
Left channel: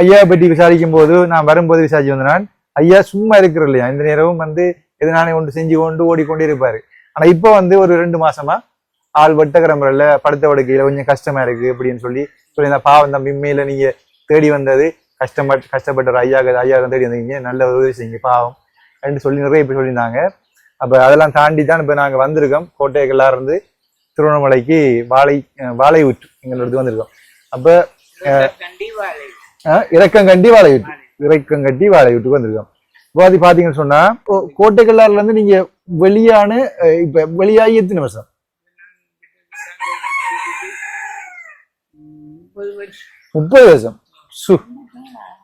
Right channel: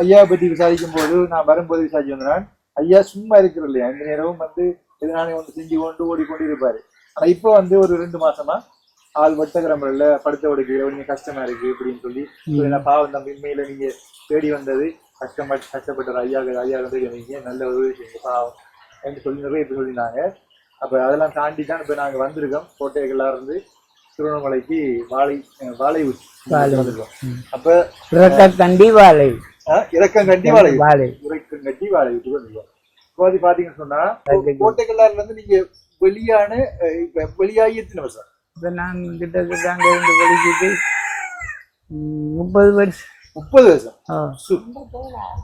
ஐயா பற்றி விசாரிக்கும் போது நான் வரும்போது விசாரிச்சு வந்தேன். ஐயா சும்மா இருக்கிற இல்லையா, இந்த நேரமும் வந்து எதனானே ஒன்று செஞ்சு கொண்டு ஓடிக்கொண்டே இருப்பாரு. ஆனா இப்ப வந்து ஒரு 2 மாசமா ஆள் வெட்டக்கிற முறையில படுத்த படுக்கையில கொஞ்சம் கஷ்டமா இருக்கு அப்படின்னு சொல்லி பாவம் தம்பி உண்மையில நீங்க தேடி வந்தது கஷ்டப்பட்ட ஐயா தேடி வந்தீங்க, நல்ல உதவி செய்யுங்க பாவம் என்று சொல்லி நிறைய பேர் சொல்லியிருந்தாங்க. அப்ப அதெல்லாம் தாண்டி தான் இப்ப நாங்க வந்திருக்கோம். கோட்டைக்கெல்லாம் இருந்து திருவண்ணாமலைக்கு வாழை ஊற்று வந்திருக்கோம். அப்ப இறக்கங்கண்டி வாழை வீட்டுக்கு வந்திருக்கோம். இப்போ பாத்தீங்கன்னு சொன்னா கோட்டைக்கல்லாறுல இருந்து நீங்க இப்ப வெளியாகி எத்தனை வருஷம்? இப்ப நான் கிட்டத்தட்ட அங்க இருந்து வெளிக்கிட்டு 30 வருஷம். 30 வருஷம்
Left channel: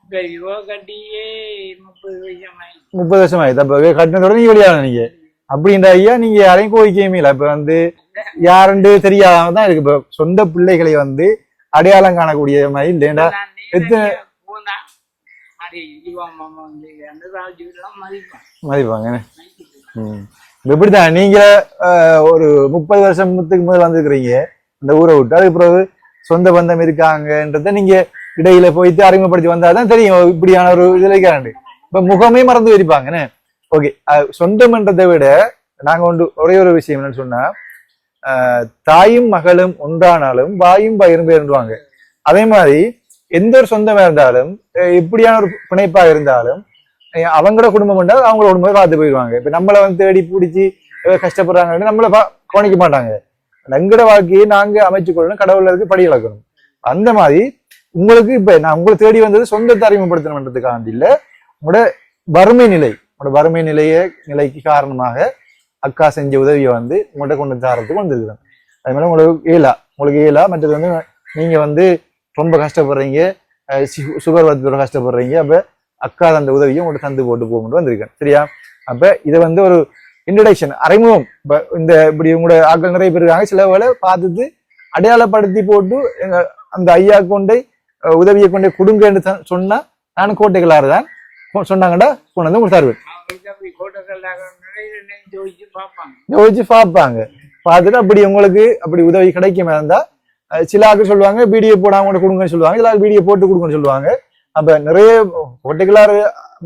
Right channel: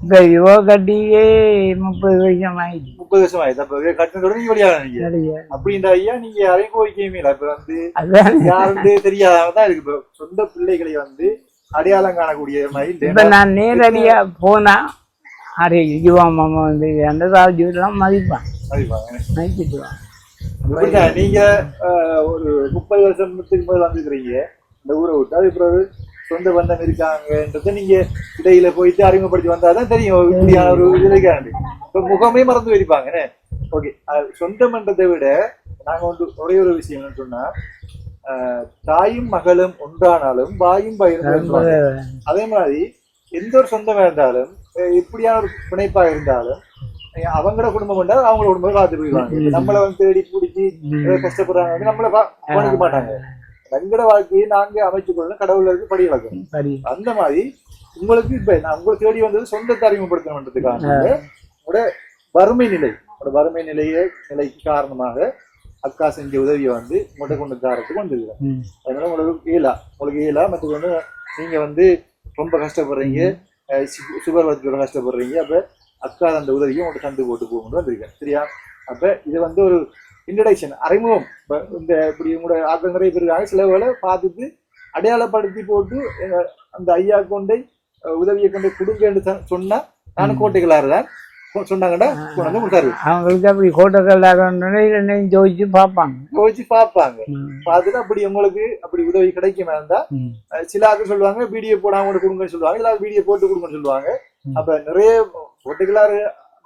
இப்ப யுவ கட்டியே 30 வருஷம் ஆயிடுச்சு. 30 வருஷம் ஆயிடுச்சு. அப்ப கட்டினதோட நீங்க வெளியான நீங்க அப்படின்ற ஐயா நீங்க யாரையும் கோரிக்கையுமே இல்லை. இப்ப வந்து யாருன்னு தெரியாதான் இருக்கு. இப்ப சொந்த பிள்ளைகளை வந்து அடையாளம் காணக்கூடிய மாதிரி இப்ப இல்ல நான் நேரடியா போனா அரே யுவா மாமா வந்து அந்த ராஜுலாம் மதிப்பான் மதிப்பாங்க. மதிச்சுட்டுவான். எப்படிதான் நீங்க ஒரு 30 வருஷத்துக்கு முதல் வந்திருக்கிறீங்க இந்த ஊரை விட்டு, அதுக்கு பிறகு சொந்த பந்தம் இருக்காங்கன்றத நீங்க இடையில போயிட்டு அறிமுகப்படுத்தி வந்தாதான் தெரியும் இப்படியான ஒரு இதுல இருக்காண்டு. இப்ப முகமே மறந்து வச்சிருப்பாங்கன்னு. ஓகே, சொந்தம்ன்றதை விட நாங்க ஒரே ஒரு விஷயம் என்னன்னு சொன்னா, தாயும் மகளும் ஒன்றானாலும் வாயும் பயிரும் பேருவாங்க. அதே மாதிரி எந்த ஒரு சொந்தமா இருந்தாலும் எப்படியான ஒரு பிணைப்பா இருந்தாலும் அவங்களோட குடும்பம் என்றால் அவங்களோட குடும்பம் பார்த்து போயிடுவாங்க. இப்ப நம்மளை வந்து தேடி பிடிச்சி கஷ்டப்படுறாங்க நம்மள கவனிக்க மாட்டாங்க. எங்கட வாழ்க்கையை நாங்க அமைச்சு கொள்ளணும், கடவுள்ல இருக்கு படி இழக்கணும். அந்த மாதிரி உங்களுக்கு இப்ப நான் உங்களை தேடி வந்தது சொந்தத்தை அறிமுகப்படுத்தணுன்றதுக்காக இல்ல, உங்களோட வறுமை நிலைக்கு காரணமாக அக்கா செஞ்ச உதவியை வந்து உங்கள்கிட்ட கொண்டு தாரத்துக்கு வந்துருக்கேன். அது மாதிரி உங்களுக்கு ஏலா மற்றது வந்து நீங்க வந்து ரொம்ப கஷ்டப்படுறீங்க, சுகர் வரத்தோட கஷ்டப்படுறீங்க. அப்ப அக்கா அந்த உதவியும் உங்கள்கிட்ட தந்து போட்டு போகணும் வந்திருக்கேன். சரியா? அப்ப இதை வந்து ஒரு இன்ட்ரடக்ஷன் அறிமுகம். இப்ப இந்த இப்படி உங்களோட ஆட்கள் நிறைய பேர் இருக்காங்க, சில வேலை பார்த்துட்டு அடையாளப்படுத்தி போட்டு எங்க அந்த ஐயா கொண்டை உதவியை கொண்டே கொடுங்கன்னு சொன்னா நானும் கோட்டைகளாருதான் சொன்னாங்கடா கொண்டு வந்து உங்களுக்கு தருவேன். அவங்களுக்கு அப்படி கோட்டைகளாக ஜோதிச்சு பார்ப்பாங்க. பார்த்துட்டு அப்படி உங்களுக்கு அப்படி உதவி கிடைக்குமா இருந்தா சில ஆக்கள் சொல்லுவாங்க வீடியோ போடாம கூட கொடுங்கன்னு சொல்லுவாங்க, சில வீடியோ போட்டு கொடுங்கன்னு சொல்லுவாங்க. அப்ப நிறைய கோட்டைகளாறு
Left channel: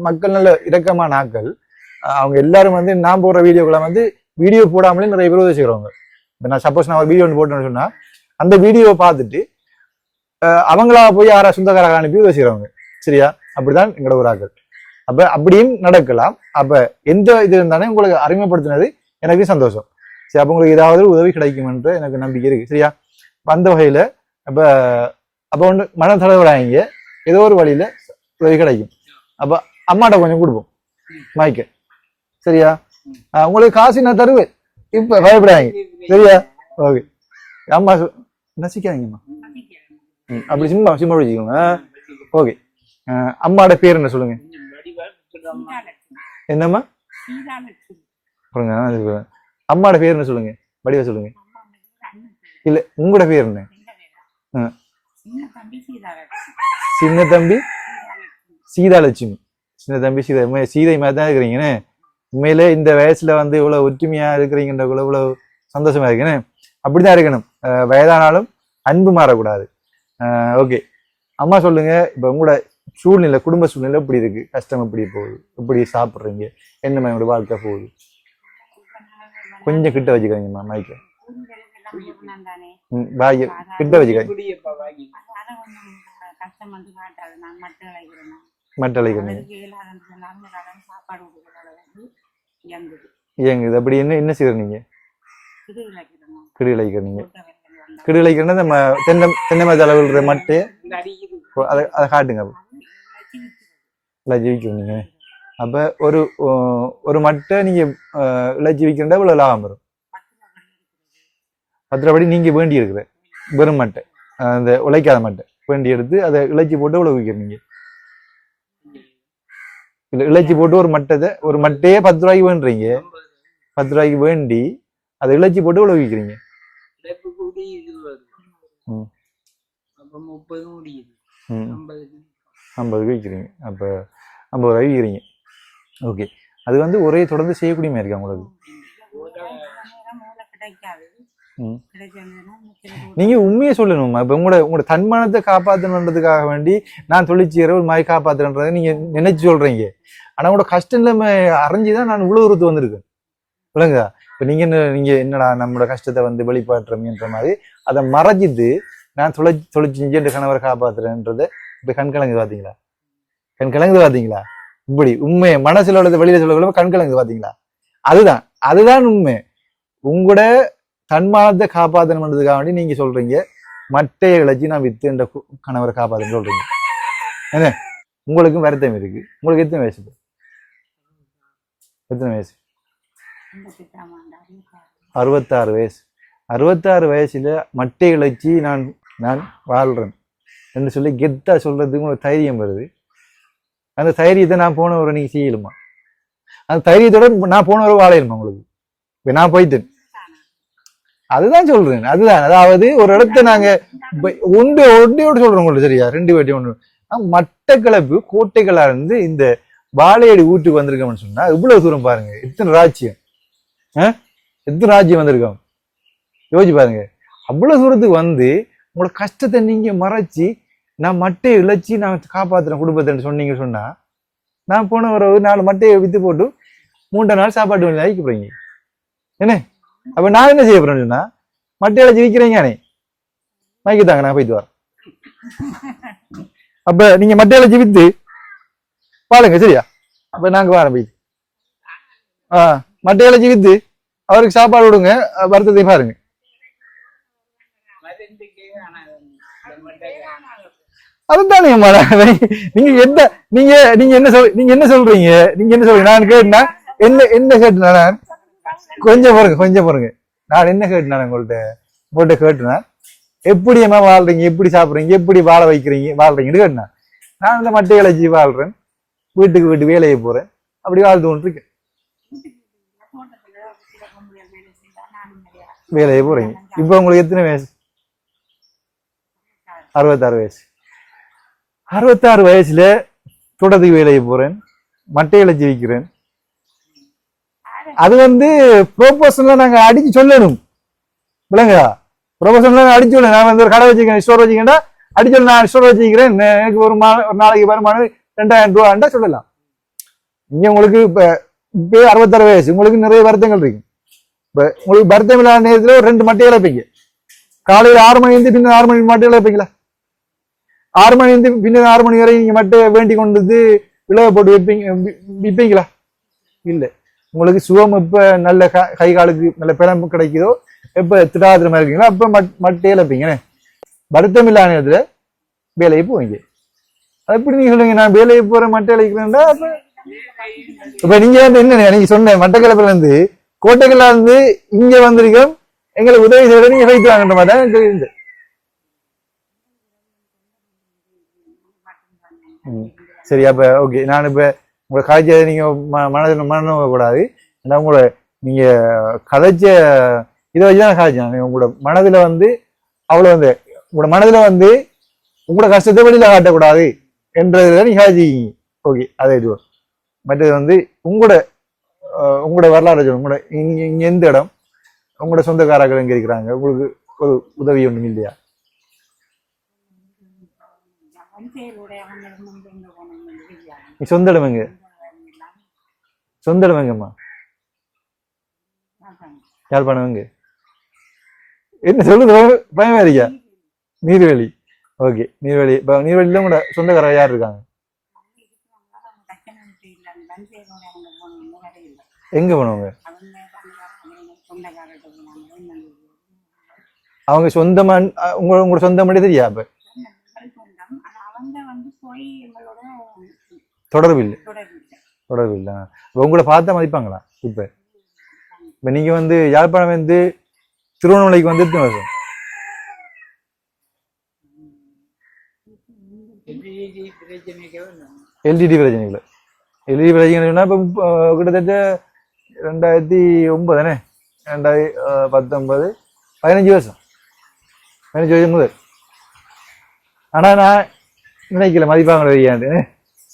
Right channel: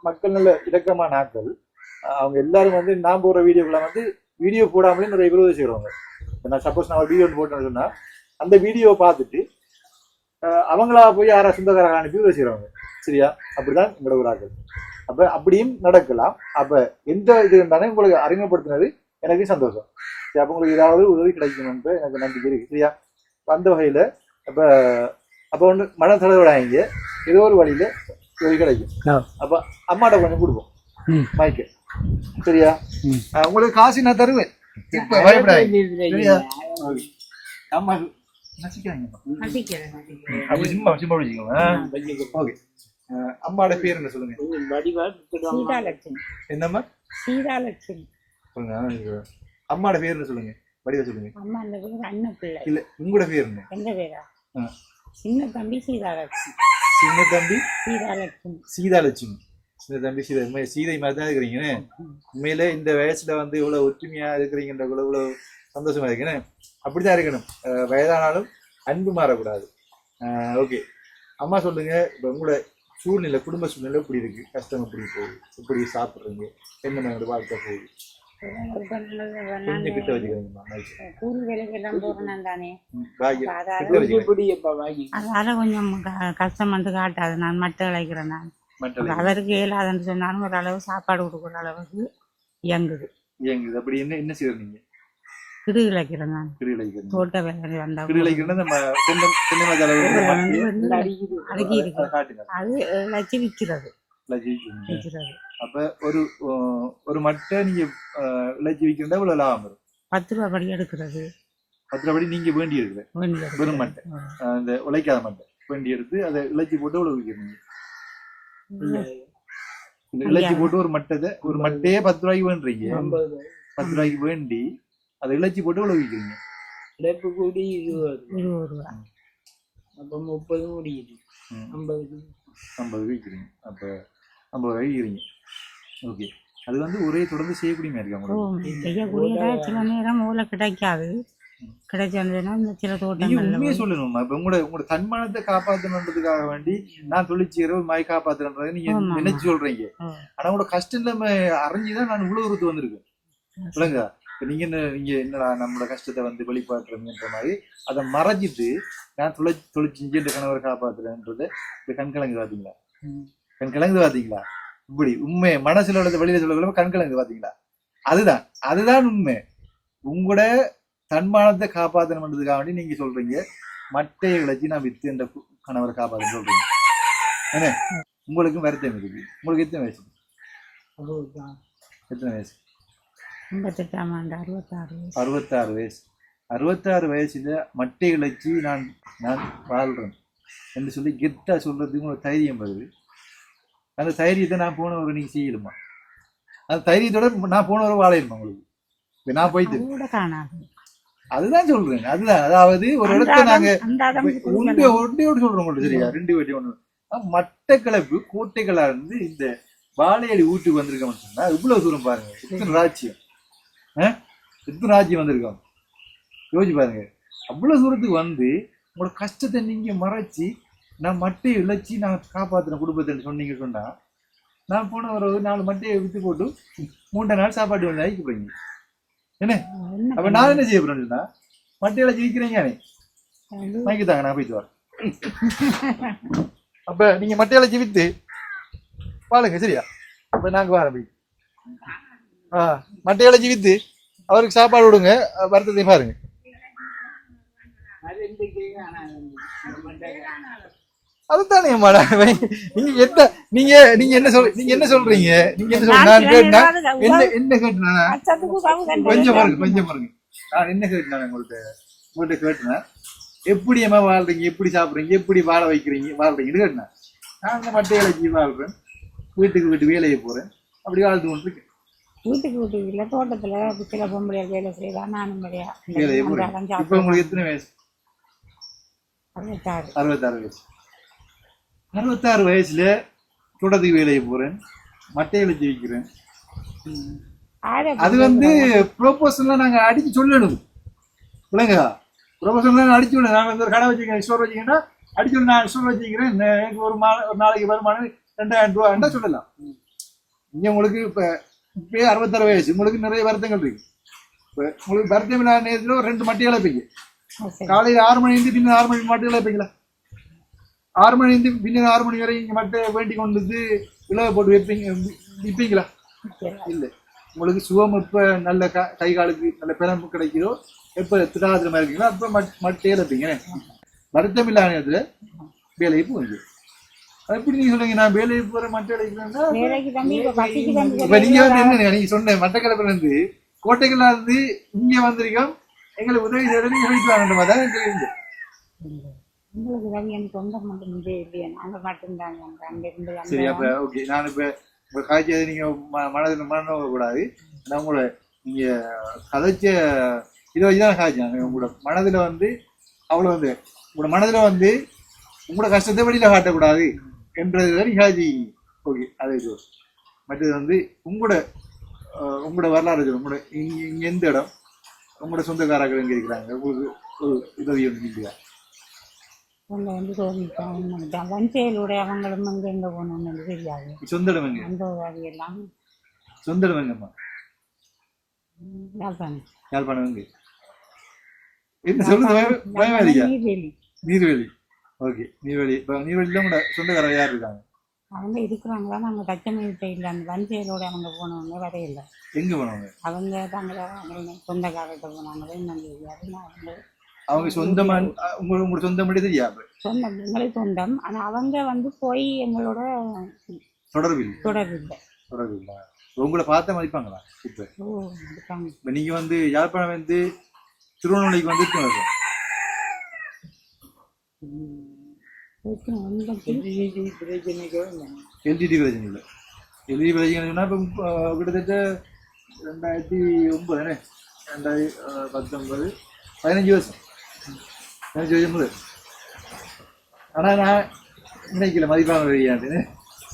மக்கள் நல்ல இரக்கமான ஆக்கள், அவங்க எல்லாரும் வந்து நான் போடுற வீடியோக்களை வந்து வீடியோ போடாமலே நிறைய பேர் உதவி செய்யறவங்க. நான் சப்போஸ் நான் ஒரு வீடியோ ஒன்று போட்டேன்னு சொன்னா அந்த வீடியோவை பார்த்துட்டு அவங்களா போய் யாரா சொந்தக்காரங்க அனுப்பி உதவி செய்யறவங்க. சரியா? அப்படிதான் எங்களோட ஒரு ஆக்கள். அப்ப அப்படியும் நடக்கலாம். அப்ப எந்த இது இருந்தாலும் உங்களுக்கு அறிமுகப்படுத்தினது எனக்கு சந்தோஷம். சரி, அப்ப உங்களுக்கு ஏதாவது உதவி கிடைக்கும் என்று எனக்கு நம்பிக்கை இருக்கு. சரியா? அந்த வகையில அப்ப ஒன்று மன தலைவராங்க, ஏதோ ஒரு வழியில உதவி கிடைக்கும். அப்ப அம்மாட்ட கொஞ்சம் கொடுப்போம் மைக்க. சரியா? உங்களுக்கு காசு நான் தருவேன், இப்ப பயப்படாங்க. சரியா? ஓகே, அம்மா நசிக்காதீங்கம்மா, அப்படி சிம்மா வச்சுக்கோங்க. ஓகே, அம்மாட பேர் என்ன சொல்லுங்க? என்னம்மா? அம்மாட பேர் என்ன சொல்லுங்க? வடிவா சொல்லுங்க. இல்ல உங்களோட பேர் என்ன? சின்ன தம்பி சீதாலட்சுமி. சின்ன தம்பி சீதை மாதிரி தான் இருக்கிறீங்கன்னு. உண்மையிலே இந்த வயசுல வந்து இவ்வளவு ஒற்றுமையா இருக்கிறீங்கன்ற இவ்வளவு சந்தோஷமா இருக்குன்னு. அப்படிதான் இருக்கணும். வயதானாலும் அன்பு மாறக்கூடாது. ஓகே, அம்மா சொல்லுங்க, இப்ப உங்களோட சூழ்நிலை, குடும்ப சூழ்நிலை எப்படி இருக்கு? கஷ்டம் எப்படி போகுது? எப்படி சாப்பிடுறீங்க? என்ன மாதிரி வாழ்க்கை போகுது? கொஞ்சம் கிட்ட வச்சுக்கிறீங்கம்மா மைக்க. கிட்ட வச்சுக்கிறேன். அதனால கொஞ்சம் கஷ்டம் வந்து காட்டாது. நான் மட்டை இழைக்கிறேன். நான் அவருக்கு இயலாதுன்னு சொன்னாலும் ஓரளவு சாப்பாடு கொடுக்குற அளவுக்கு இயங்குது. அப்படி என்ன செய்யறீங்க? கிடு இழைக்கிறேன். நான் கிடு இழைக்கிறீங்க. தோட்ட வேலை வந்தா கிடு இழைக்கிறேன்னா நம்ம தென்னை மரத்து அளவுல மட்டு அதை காட்டுங்க. அது இழைச்சி விற்கிறது. இழைச்சி விற்கிறீங்க. அப்ப ஒரு மட்டை நீங்க இழைச்சி விற்கிறதா இவ்வளவு லாபம் வரும்? 10 ரூபா படி எடுக்கிறது. 10 ரூபா படி நீங்க வேண்டி இருக்கிற வெறும் மட்டை, அந்த உழைக்காத மட்டை வேண்டி எடுத்து அதை இழைச்சி போட்டு இவ்வளவு விற்கிறீங்க. இழைச்சி போட்டு ஒரு மட்டையே 10 ரூபாய்க்கு வேண்டுறீங்க. 10 ரூபாய்க்கு வேண்டி அதை இழைச்சி போட்டு இவ்வளவு விற்கிறீங்க. 50 விற்கிறீங்க. அப்ப 50 ரூபாய் விற்கிறீங்க. ஓகே, அது வந்து ஒரே தொடர்ந்து செய்யக்கூடிய மாதிரி இருக்கா உங்களுக்கு? செய்யக்கூடிய சில நேரம் மூளை கிடைக்காது. நீங்க உண்மையை சொல்லணுமா? இப்ப உங்களோட தன்மானத்தை காப்பாற்றணுன்றதுக்காக வேண்டி நான் தொழிற்சியரை ஒரு மாதிரி காப்பாத்துறேன்றதை நீங்க நினைச்சு சொல்றீங்க. ஆனா உங்களோட கஷ்டம் இல்லாம அறிஞ்சுதான் நான் இவ்வளவு தூரத்து வந்திருக்கேன். இல்லைங்க? இப்ப நீங்க என்னடா நம்மளோட கஷ்டத்தை வந்து வெளிப்பாட்டுறீங்கன்ற மாதிரி அதை மறைச்சிட்டு நான் தொழிற்சி என்ற கணவரை காப்பாத்துறேன்றதை இப்ப கண்கலங்கு பாத்தீங்களா? கண்கலங்கு பாத்தீங்களா? இப்படி உண்மையை மனசுல உள்ளது வெளியில சொல்ல கண்கலங்கு பாத்தீங்களா? அதுதான் உண்மை. உங்களோட தன்மானத்தை காப்பாற்றணுன்றதுக்காக வேண்டி நீங்க சொல்றீங்க மட்டையை இழைச்சி நான் வித்து என்ற கணவரை காப்பாற்றுன்னு சொல்றீங்க. என்ன உங்களுக்கும் வருத்தம் இருக்கு. உங்களுக்கு எத்தனை வயசு? எத்தனை வயசு? 66 வயசு. 66 வயசுல மட்டை இழைச்சி நான் வாழ்றேன் என்று சொல்லி கெத்தா சொல்றதுக்கு உங்களுக்கு தைரியம் வருது. அந்த தைரியத்தை நான் போனவரை நீங்க செய்யலுமா? அந்த தைரியத்தோட நான் போனவரை வாழையிலுமா உங்களுக்கு? நான் போயிட்டு அதுதான் சொல்றேன். அதுதான், அதாவது ஒரு இடத்த நாங்க ஒண்டியோடு சொல்றோம் உங்களுக்கு, சரியா? 2 வாட்டி ஒன்று. மட்டக்களப்பு கோட்டைகளா இருந்து இந்த வாழையடி ஊட்டுக்கு வந்திருக்கோம்னு சொன்னா இவ்வளவு தூரம் பாருங்க. எத்தனை ராஜ்யம், எத்தனை ராஜ்யம் வந்திருக்கோம் யோசிச்சு பாருங்க. அவ்வளவு தூரத்துக்கு வந்து உங்களோட கஷ்டத்தை நீங்க மறைச்சி நான் மட்டையை இழைச்சி நான் காப்பாத்துறேன் குடும்பத்தை சொன்னீங்க சொன்னா, நான் போன ஒரு 4 மட்டையை வித்து போட்டு 3 நாள் சாப்பாட்டு வந்து அழிக்க போறீங்க என்ன? அப்ப நான் என்ன செய்ய போறேன்னு சொன்னா, மட்டையில ஜீவிக்கிறீங்க வாங்கித்தாங்க, நான் போயிட்டு வரேன். அப்ப நீங்க மட்டையில ஜீவித்து பாருங்க, சரியா? அப்ப நாங்க வரோம் போய் மட்டையில ஜீவித்து அவருக்கு சாப்பாடு விடுங்க, வருத்தத்தை பாருங்க. அதுதானே நீங்க எந்த நீங்க என்ன சொல்றீங்க? நான் கேட்டா என்ன கேட்டேன்? கொஞ்சம் பாருங்க. நான் என்ன கேட்டேன் உங்கள்கிட்ட கேட்டேன்னா, எப்படி என்ன வாழ்றீங்க, எப்படி சாப்பிடுறீங்க, எப்படி வாழ வாழ்றீங்கன்னு கேட்டேன். நான் இந்த மட்டை இலைச்சி வாழ்றேன், வீட்டுக்கு வேலையை போறேன், அப்படி வாழ்ந்து கொண்டு இருக்கேன். வீட்டுக்கு இல்ல தோட்டத்துல சில பொம்பளையார் வேலை செய்யலாம், நானும் வேலையை போறேன். இப்ப உங்களுக்கு எத்தனை வயசு? 66 வயசு. 66 வயசுல தோட்டத்துக்கு வேலையை போறேன், மட்டையில ஜீவிக்கிறேன். அது வந்து ப்ரொபோஷன்ல நாங்க அடிச்சு சொல்லணும், விளங்குதா? ப்ரொபோஷன்ல அடிச்சு சொல்லணும். நான் வந்து ஒரு கடை வச்சுக்கிறேன், ஸ்டோர் வச்சுக்கிறேன்னா அடிச்சு நான் ஸ்டோர் வச்சுக்கிறேன், எனக்கு ஒரு நாளைக்கு வருமானம் 2000 ரூபாண்டா சொல்லலாம். இங்க உங்களுக்கு இப்ப 66 வயசு, உங்களுக்கு நிறைய வருத்தங்கள் இருக்கு. இப்ப உங்களுக்கு வருத்தம் இல்லாத நேரத்துல ஒரு 2 மட்டையில வைப்பீங்க. காலையில 6 மணி இருந்து பின்ன 6 மணி மட்டையில வைப்பீங்களா? 6 மணி இருந்து பின்ன 6 மணி வரை நீங்க மட்டையை வேண்டி கொண்டு வந்து விளைய போட்டு விற்பீங்களா? இல்ல. உங்களுக்கு சுகம் எப்ப நல்ல கை காலுக்கு நல்ல பிறம்பு கிடைக்குதோ, எப்ப திடாதிரமா இருக்கீங்களோ அப்ப மட்டையில வைப்பீங்க. வருத்தம் இல்லாத நேரத்துல வேலையை போவீங்க. எப்படி நீங்க சொல்லுங்க, நான் வேலையை போற மட்டை அழைக்கிறேன்டா? இப்ப நீங்க வந்து என்ன நீங்க சொன்ன மட்டக்களப்புல இருந்து கோட்டைகளா இருந்து இங்க வந்திருக்கோம், எங்களுக்கு உதவி செய்ய நீங்க வைக்கலாங்கன்ற மாதிரி தான் தெரியுது. சரி, அப்ப ஓகே. நான் இப்ப உங்க காய்ச்ச நீங்க மனநோக்க கூடாது. உங்களோட நீங்க கதைச்ச இதை வச்சுதான் காய்ச்சேன். உங்களோட மனதுல வந்து அவ்வளவு வந்து உங்களோட மனதுல வந்து உங்களோட கஷ்டத்தை வெளியில காட்டக்கூடாது என்றதுல நீங்க காய்ச்சிக்கிங்க. ஓகே, அதே இது. மற்றது வந்து உங்களோட வரலாறு சொல்லுங்க. உங்களோட இங்க எந்த இடம், உங்களோட சொந்தக்காரர்கள் எங்க இருக்கிறாங்க, உங்களுக்கு ஒரு உதவி ஒண்ணும் இல்லையா? சொந்த இடம் எங்க? சொந்த இடம் எங்கம்மா? யாழ்ப்பாணம் எங்க? என்ன சொல்லுது பயமா இருக்கா? நீர்வேலி. ஓகே, நீர்வேலி. நீர்வேலியில உங்களோட சொந்தக்காரர் யார் இருக்காங்க? அவங்க இருக்கிறாங்களா? நாங்க தச்சமேட்டை இல்லை, அந்த வஞ்சையிலோட அவங்க போனவங்க வரையில. எங்க போனவங்க? அவங்க சொந்தக்காரர்கிட்ட போனாங்க. அவங்க சொந்தமா உங்களோட சொந்தம் மட்டும் தெரியா? சொந்தம் எங்களுக்கு சொந்தம். ஆனா அவங்க வந்து போய் எங்களோட தொடர்பு இல்லை. உங்களை பார்த்தா மதிப்பாங்களா? இப்ப நீங்க வந்து யாழ்ப்பாணம் வந்து திருவண்ணாமலைக்கு வந்து எல்டிடி பிரச்சனைகள் இப்போ கிட்டத்தட்ட 2009 தானே, 2019 15 வருஷம் முதல். ஆனா நான் நினைக்கல மதிப்பாங்க வையாண்டு.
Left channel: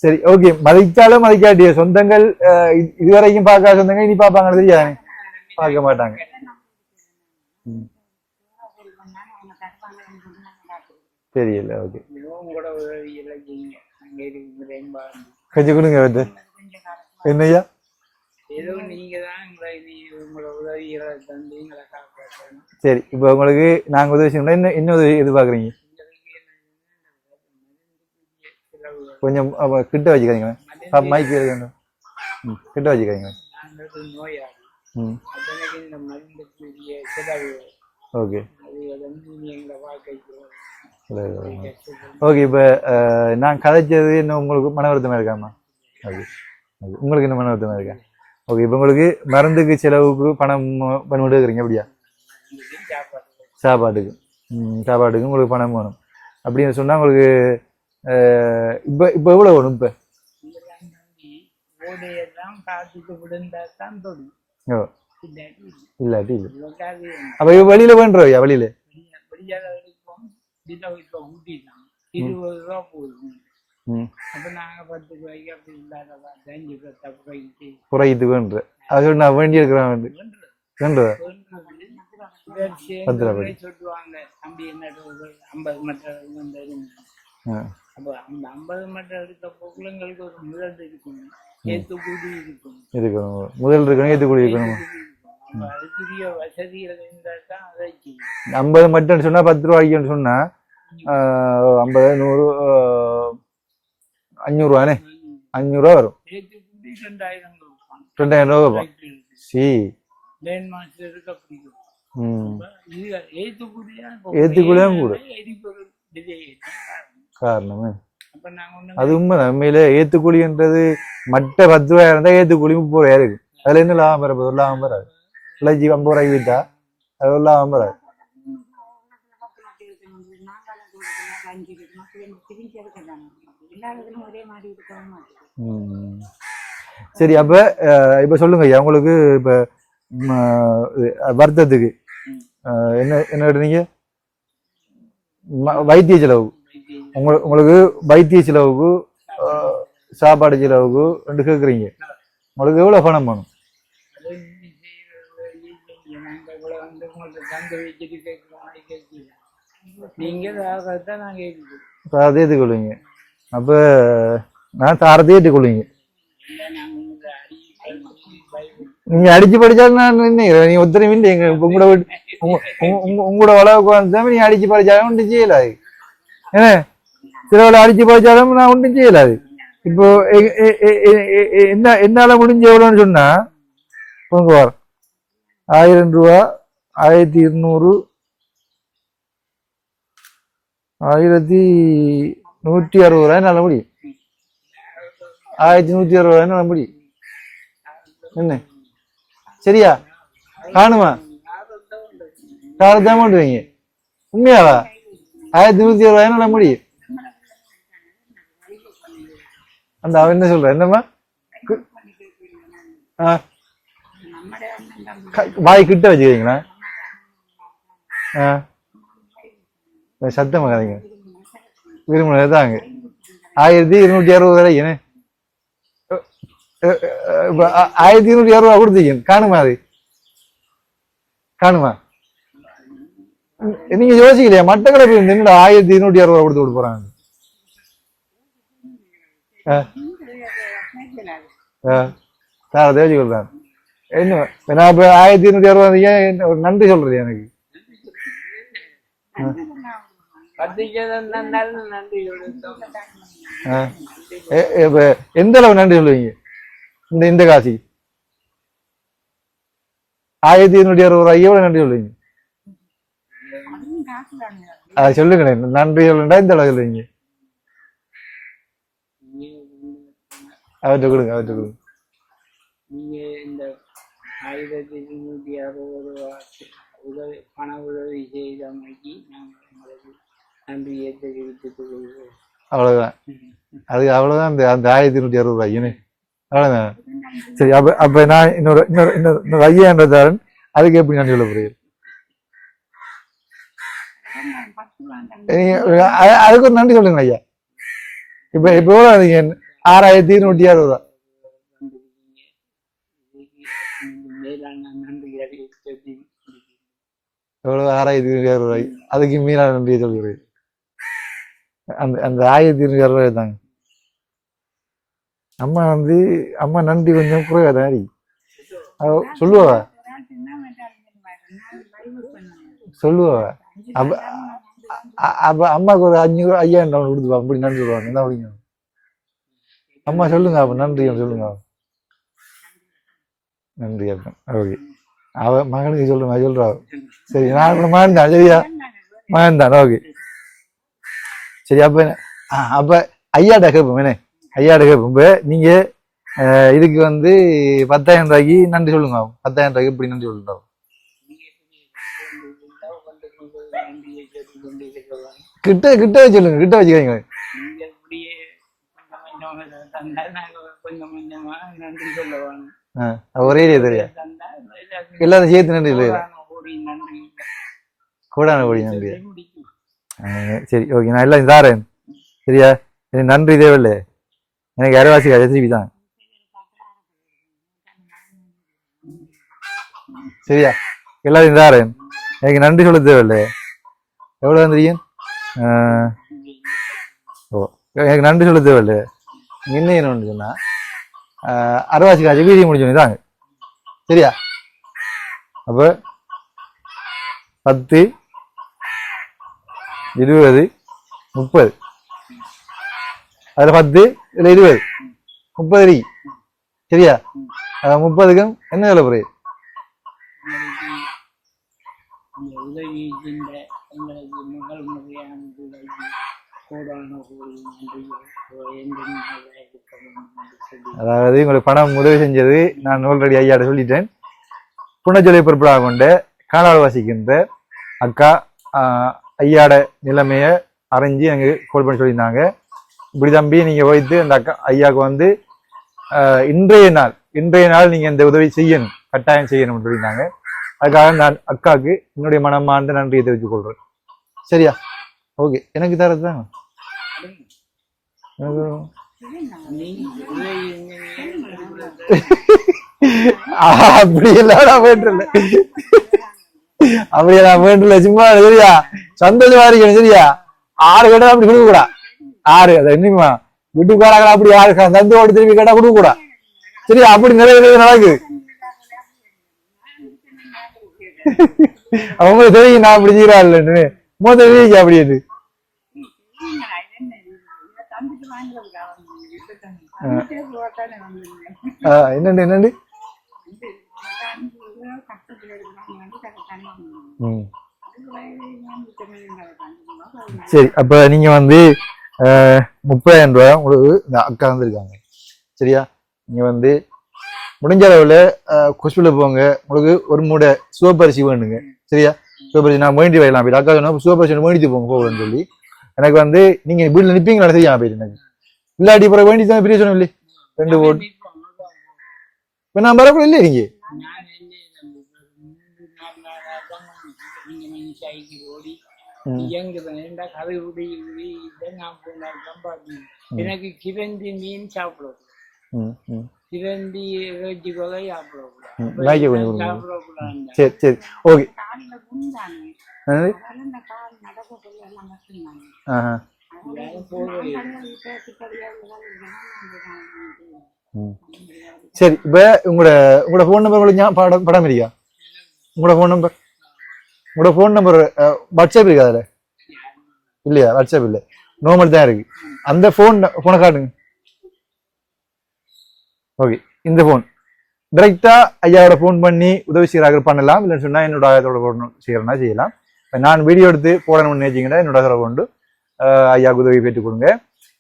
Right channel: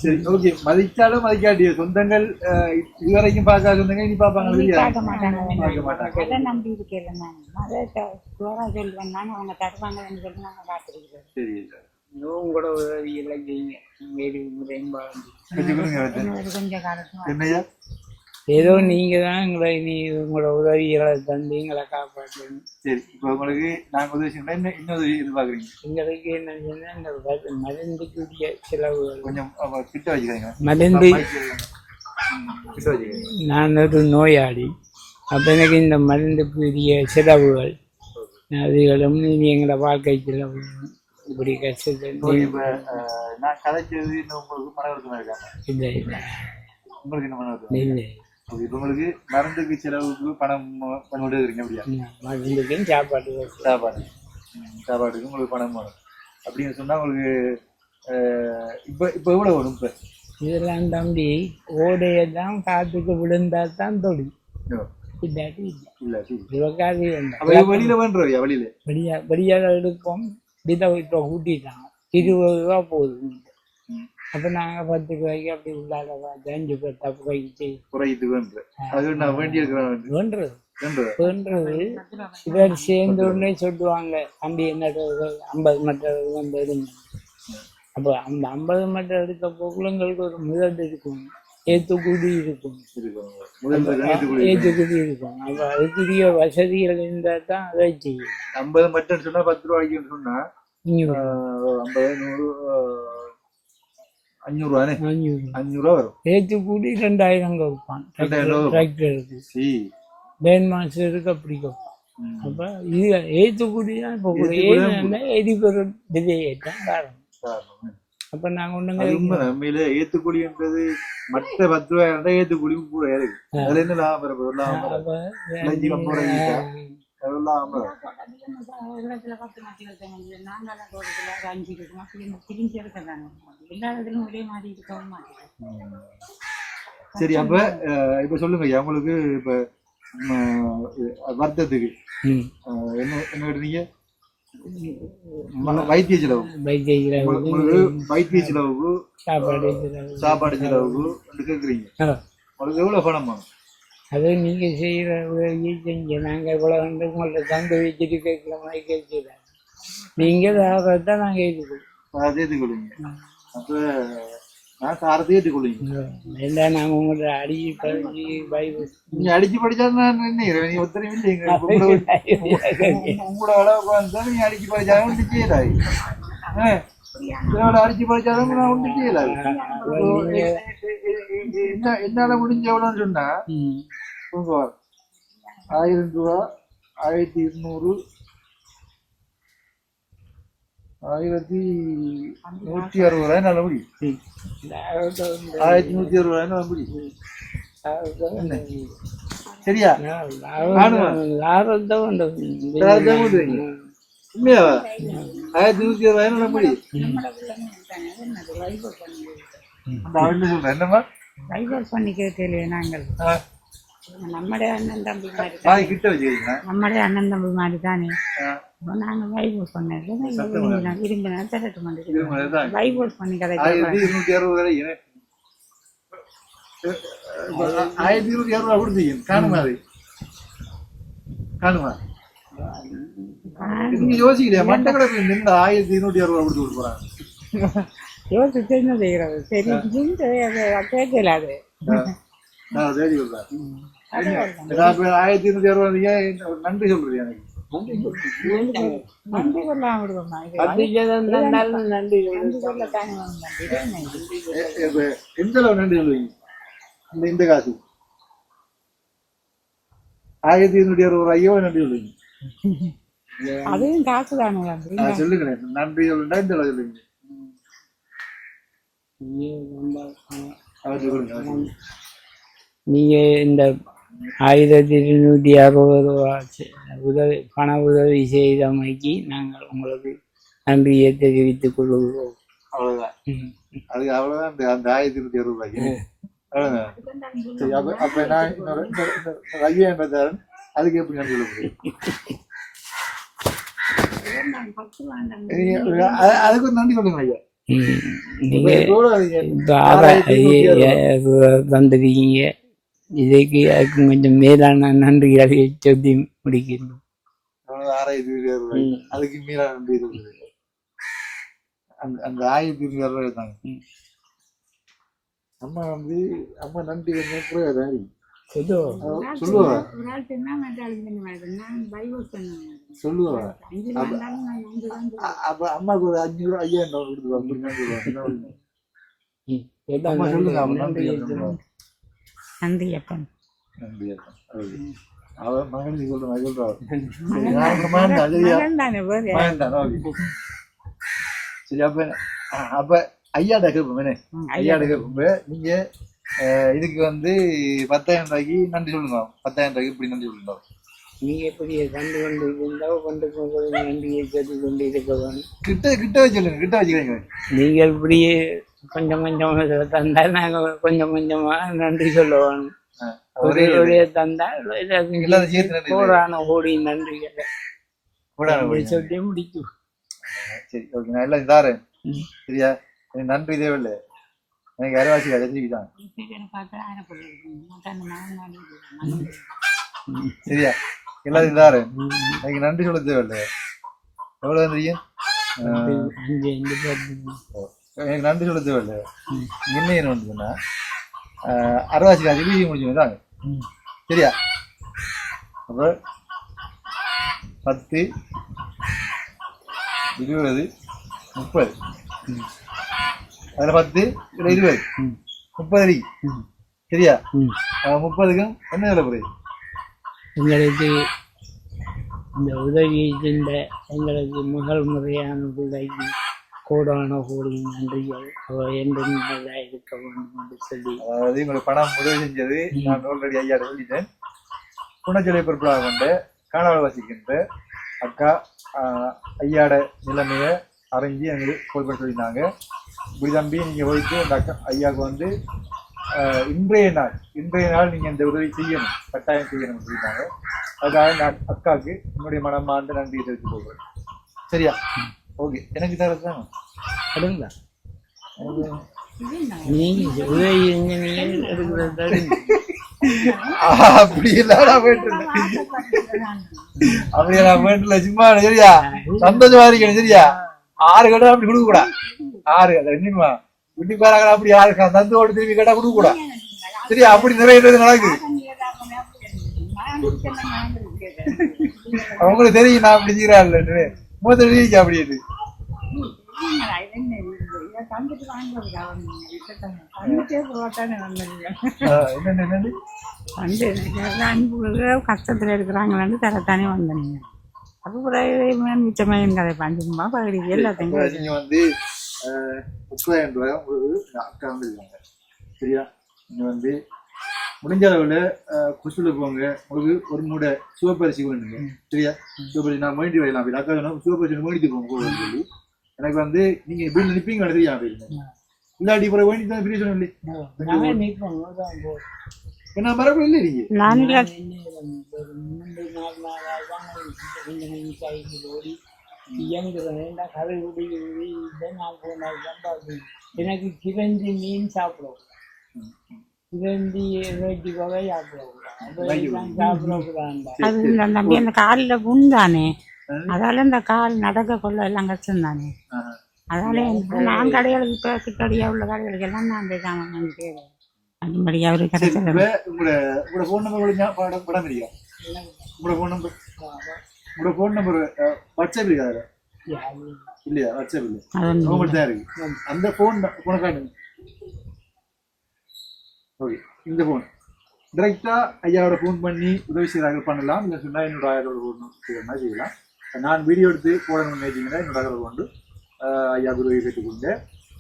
சரி, ஓகே. மதிச்சாலும் மதிக்காட்டிய சொந்தங்கள் இதுவரைக்கும் பார்க்காத சொந்தங்கள் இனி பார்ப்பாங்க தெரியா? பார்க்க மாட்டாங்க. தெரியல. ஓகே, கொஞ்சம் கொடுங்க. என்னையா? ஏதோ நீங்க தான் உங்களோட உதவிகளை தந்து எங்களை காப்பாற்றணும். சரி, இப்போ உங்களுக்கு நாங்க உதவி செய்யணும். என்ன உதவி எதிர்பார்க்குறீங்க? எங்களுக்கு என்ன சொன்னா, இந்த மருந்துக்குரிய செலவுகள் கொஞ்சம் கிட்ட வச்சுக்கிறீங்க. மருந்து கிட்ட வச்சுக்கிறீங்க. நான் ஒரு நோயாளி. அப்ப எனக்கு இந்த மருந்துக்குரிய செலவுகள் அதுகளும் எங்களோட வாழ்க்கை செலவு. ஓகே, இப்ப நான் கதைச்சது என்ன உங்களுக்கு மன வருத்தமா இருக்காமா? உங்களுக்கு என்ன மன வருத்தமா இருக்கா? ஓகே, இப்போ உங்களுக்கு மருந்துக்கு செலவுக்கு பணம் பண்ணிவிடுறீங்க அப்படியா? சாப்பாட்டுக்கு உங்களுக்கு பணம் வேணும் அப்படின்னு சொன்னா உங்களுக்கு இப்போ எவ்வளோ வேணும்? இப்போ இதெல்லாம் தம்பி ஓடையெல்லாம் காத்துக்கு விழுந்தா தான் தொழில். இல்லாட்டி இல்லை இல்லாட்டி இல்லை. இவக்காது அப்ப இவ வெளியில வேண்டுறவையா வெளியில வெளியாக எடுப்போம் விதை இப்போ கூட்டிட்டாங்க 20 ரூபா போகுது. அப்போ நாங்கள் 10 ரூபாய்க்கு அப்படி உள்ளாத 5 10 ரூபாய்க்கு குறையுது வேண்டு அது நான் வேண்டி இருக்கிறேன் வேண்டுறது வேண்டுறேன் வேண்டுறது இவர் சேர்ந்து சொல்லுவாங்க தம்பி என்ன 50 மட்டர் வந்து எடுங்க. அப்போ அந்த 50 மட்டர் எடுக்க போக்குள்ளங்களுக்கு ஒரு முதல் இருக்கும், ஏத்துக்குடி இருக்கும், முதல் ஏத்துக்குடி இருக்கும். அப்போ அதுக்குரிய வசதிகள் இருந்தால் தான் அதை செய்யும். 50 மட்டும் சொன்னா 10 ரூபாய்க்குன்னு சொன்னா 50 100 500 ரூபானே 500 ரூபா வரும். ஏத்துக்குடி 2000 கொடுப்பான். 2000 ரூபா பேன் மாஸ்டருக்கு அப்படி கொடுப்பான். அப்போ இது ஏத்துக்குடி தான் எரிபொருள் விதையேற்றம் காரணம். அப்போ நாங்கள் அது உண்மை உண்மையில ஏத்துக்குழின்றது மற்ற 10 ரூபாயா இருந்தா ஏத்துக்குழி 30 ரூபாயா இருக்கு. அதுல என்ன லாபம் பெற லாபம் பெறாது. 50 ரூபாய்க்கு விட்டா அது லாபம் பெறாது. சரி அப்ப இப்ப சொல்லுங்க ஐயா, உங்களுக்கு இப்ப வருத்தத்துக்கு என்ன என்ன கேட்டீங்க? வைத்திய செலவு உங்களுக்கு வைத்திய செலவுக்கு சாப்பாடு செலவுக்கு ரெண்டு கேக்குறீங்க. உங்களுக்கு எவ்வளவு பணம் வேணும்? அது நீங்க செய்யற உதவியை செஞ்ச நாங்க இவ்வளவு வந்து உங்கள்ட்ட தந்து வச்சுட்டு கேட்கல மாதிரி கேட்கல. நீங்க தான் நாங்க ஏற்றுக்கொள்வோம். அதை ஏற்றுக்கொள்வீங்க. அப்ப நான் தாரத்தை ஏற்றுக்கொள்வீங்க. இல்லை நாங்க உங்கள்ட்ட அடிச்சு படிச்சு நீங்க அடிச்சு படிச்சாலும் நான் என்ன நீங்க ஒத்தனை இல்லைங்க. உங்களோட வளவுக்கு வந்தா நீங்க அடிச்சு படிச்சாலும் ஒன்றும் செய்யலாது. ஏன்னா சிலவளை அடிச்சு படிச்சாலும் நான் ஒன்றும் செய்யலாது. இப்போ என்னால முடிஞ்ச எவ்வளோன்னு சொன்னா உங்க வர 1000 ரூபா 1200 1160 ரூபாய் நல்ல முடியும். 1160 ரூபாய் நல்ல முடியும். என்ன சரியா காணுமா? காலத்தான் கொண்டு வைங்க. உண்மையாவா? 1160 ரூபாய் நல்ல முடியும். அந்த அவன் என்ன சொல்ற? என்னம்மா வாய் கிட்ட வச்சுக்கீங்களா? நம்மளே அண்ணன் தம்பி மாதிரி தானே சத்தம் 1260 ரூபாய் 1260 ரூபா கொடுத்தீங்க. காணுமா? அது காணுமா? நீங்க யோசிக்கலையா? மட்டக்களப்பு என்னடா 1260 ரூபா கொடுத்து விட போறாங்க. என்ன நான் இப்ப 1260 ஒரு நன்றி சொல்றது எனக்கு. இப்ப எந்த அளவு நன்றி சொல்லுவீங்க? இந்த காசி 1260 ரூபாய் எவ்வளவு நன்றி சொல்லுவீங்க? அது சொல்லுங்க. நன்றி சொல்லுண்டா இந்த அளவு சொல்லுவீங்க. அவர்கிட்ட கொடுங்க, அவர்கிட்ட கொடுங்க. நீங்க இந்த 1260 ரூபா உதவி பண உதவி செய்தமைக்கு நாங்கள் உங்களுக்கு நன்றியை தெரிவித்துக் கொள்கிறோம். அவ்வளவுதான். அது அவ்வளவுதான். அந்த 1260 ரூபாய் அவ்வளவுதான். சரி அப்ப அப்ப நான் இன்னொரு இன்னொரு இன்னொரு ஐயாயிரம் அதுக்கு எப்படி நன்றி சொல்ல புரியுது? அதுக்கு ஒரு நன்றி சொல்லுங்க ஐயா. இப்ப இப்போ 6160 தந்திருக்கீங்க. இதுக்கு அதுக்கு கொஞ்சம் மேலான நன்றிகளை சொல்லி முடிக்கணும். எவ்வளவு 6260 ரூபாய் அதுக்கு மேலான நன்றியை சொல்கிறேன். அந்த அந்த 1260 ரூபாய் தாங்க. அம்மா அம்மா நன்றி கொஞ்சம் குறையாதான் சொல்லுவா சொல்லுவா. அப்ப அம்மாவுக்கு ஒரு 500 5000 கொடுத்துப்பா. அப்படி நன்றி சொல்லுவாங்க. என்ன அப்படிங்க அம்மா சொல்லுங்க. அப்ப நன்றி சொல்லுங்க. நன்றி அப்பன். நன்றி அப்பன். ஓகே. அவ மகனுக்கு சொல்லுங்க. சொல்றா. சரி நான் மகன் தான். சரியா மகன் தான். ஓகே சரி. அப்ப ஐயாட்ட கேட்போம். என்ன ஐயாட்ட கேட்போம். இப்ப நீங்க இதுக்கு 10,000 ரூபாய்க்கு நன்றி சொல்லுங்க. 10,000 ரூபாய்க்கு எப்படி நன்றி சொல்லுங்க? நீங்க எப்படி கண்டு கொண்டு இருந்தால் நன்றியை சொல்லி கொண்டு இருக்க வேணும். கிட்ட கிட்ட சொல்லுங்க. கிட்ட வச்சுக்கோங்க. நீங்கள் இப்படியே கொஞ்சம் கொஞ்சம் தந்தால் நாங்கள் கொஞ்சம் கொஞ்சமா நன்றி சொல்ல வேணும். ஒரே தந்தால் எல்லாரும் சேர்த்து நன்றி கோடி நன்றிகள் கூடான ஓடி நன்றி சொல்லி முடிக்கும். சரி ஓகே நான் எல்லாம் தாரேன் சரியா எனக்கு நன்றி தேவையில்லை எனக்கு அரைவாசி திருப்பி தான் சரியா எல்லாரும் தாரேன் எனக்கு நன்றி சொல்ல தேவையில்லை எவ்வளோ தெரியும் ஓ எனக்கு நன்றி சொல்ல தேவையில்லை என்ன என்ன சொன்னா அரைவாசி காய்ச்சி வீதி முடிச்சோன்னு தாங்க சரியா அப்போ 10 20 30 அதில் 10 இல்லை 20 30 சரியா 30க்கும் என்ன வேலை புரியுது எங்களுக்கு இந்த உதவியை சென்ற எங்களுக்கு முதல் முறையான உதவிக்கு கோடான கோடி நன்றிகள் என்றும் நல்லா இருக்க வேண்டும் என்று சொல்லி அதாவது உங்களுக்கு பணம் உதவி செஞ்சது நான் ஆல்ரெடி ஐயாட்ட சொல்லிட்டேன் புனச்சொலை பொறுப்படாக கொண்ட காலால் வாசிக்கின்ற அக்கா ஐயாட நிலைமையை அறிஞ்சு எனக்கு கால் பண்ணி சொல்லியிருந்தாங்க இப்படி தம்பி நீங்கள் வைத்து அந்த அக்கா ஐயாவுக்கு வந்து இன்றைய நாள் நீங்கள் இந்த உதவி செய்யணும் கட்டாயம் செய்யணும்னு சொல்லியிருந்தாங்க அதுக்காக நான் அக்காவுக்கு என்னுடைய மனமார்ந்த நன்றியை தெரிவித்துக் கொள்கிறேன் சரியா ஓகே எனக்கு தரது தான் அடுங்களா நீங்க உதவி அப்படி எல்லாம் வேண்டல அப்படியே நான் வேண்டல சும்மா சரியா சந்தோஷமா இருக்கேன் சரியா 6 கடை அப்படி கொடுக்க கூடா 6 அதை என்னமா வீட்டுக்காரங்க அப்படி 6 சந்தோட திரும்பி கடை கொடுக்க கூடா சரியா அப்படி நிறைய நடக்குது அவங்களுக்கு தெரியும் நான் அப்படி செய்யறா இல்லைன்னு முதல்ல அப்படின்னு என்னண்டு கஷ்டத்துல இருக்கிறாங்களான்னு தரத்தானே வந்தீங்க சரி அப்ப நீங்க வந்து 30,000 ரூபாய் உங்களுக்கு அக்கா வந்திருக்காங்க சரியா நீங்க வந்து முடிஞ்ச அளவுல ஹாஸ்பிட்டல் போங்க உங்களுக்கு ஒரு மூடை சிவப்பரிசி வேணுங்க சரியா சிவப்பரிசி நான் வேண்டி வரலாம் போய் அக்கா சொன்னா சிவப்பரிசி வேண்டிட்டு போங்க போகணும்னு சொல்லி எனக்கு வந்து நீங்க வீட்டுல நிப்பீங்களா தெரியாம போயிருந்தேன் இல்லாட்டி பிறகு வேண்டி தான் பெரிய சொன்ன இல்லையே 2 ஓட்டு இப்ப நான் வரக்கூட இல்லை நீங்க எனக்கு கிரந்தி மீன் சாப்பிடக்கூடாது கிரந்ி காலில புண்தானே அதால இந்த கால் நடக்க கொள்ள எல்லாம் கஷ்டம் தானே அதனால நான் கடைகளுக்கு சிக்கடியா உள்ள கடைகளுக்கு எல்லாம் நான் சரி இப்ப உங்களோட போன் நம்பர் படம் இருக்கா உங்களோட போன் நம்பர் வாட்ஸ்அப் இருக்கா அதுல இல்லையா வாட்ஸ்அப் இல்ல நார்மல் தான் இருக்கு அந்த போனை காட்டுங்க ஓகே இந்த போன் டைரக்டா ஐயாவோட போன் பண்ணி உதவி செய்யறாங்க பண்ணலாம் இல்லைன்னு சொன்னா என்னோட ஆயத்தோட போன் செய்யறேன்னா செய்யலாம் நான் வீடியோ எடுத்து போடணும்னு நினைச்சீங்கன்னா என்னோட கொண்டு ஐயாவுக்கு உதவி பெற்றுக் கொடுங்க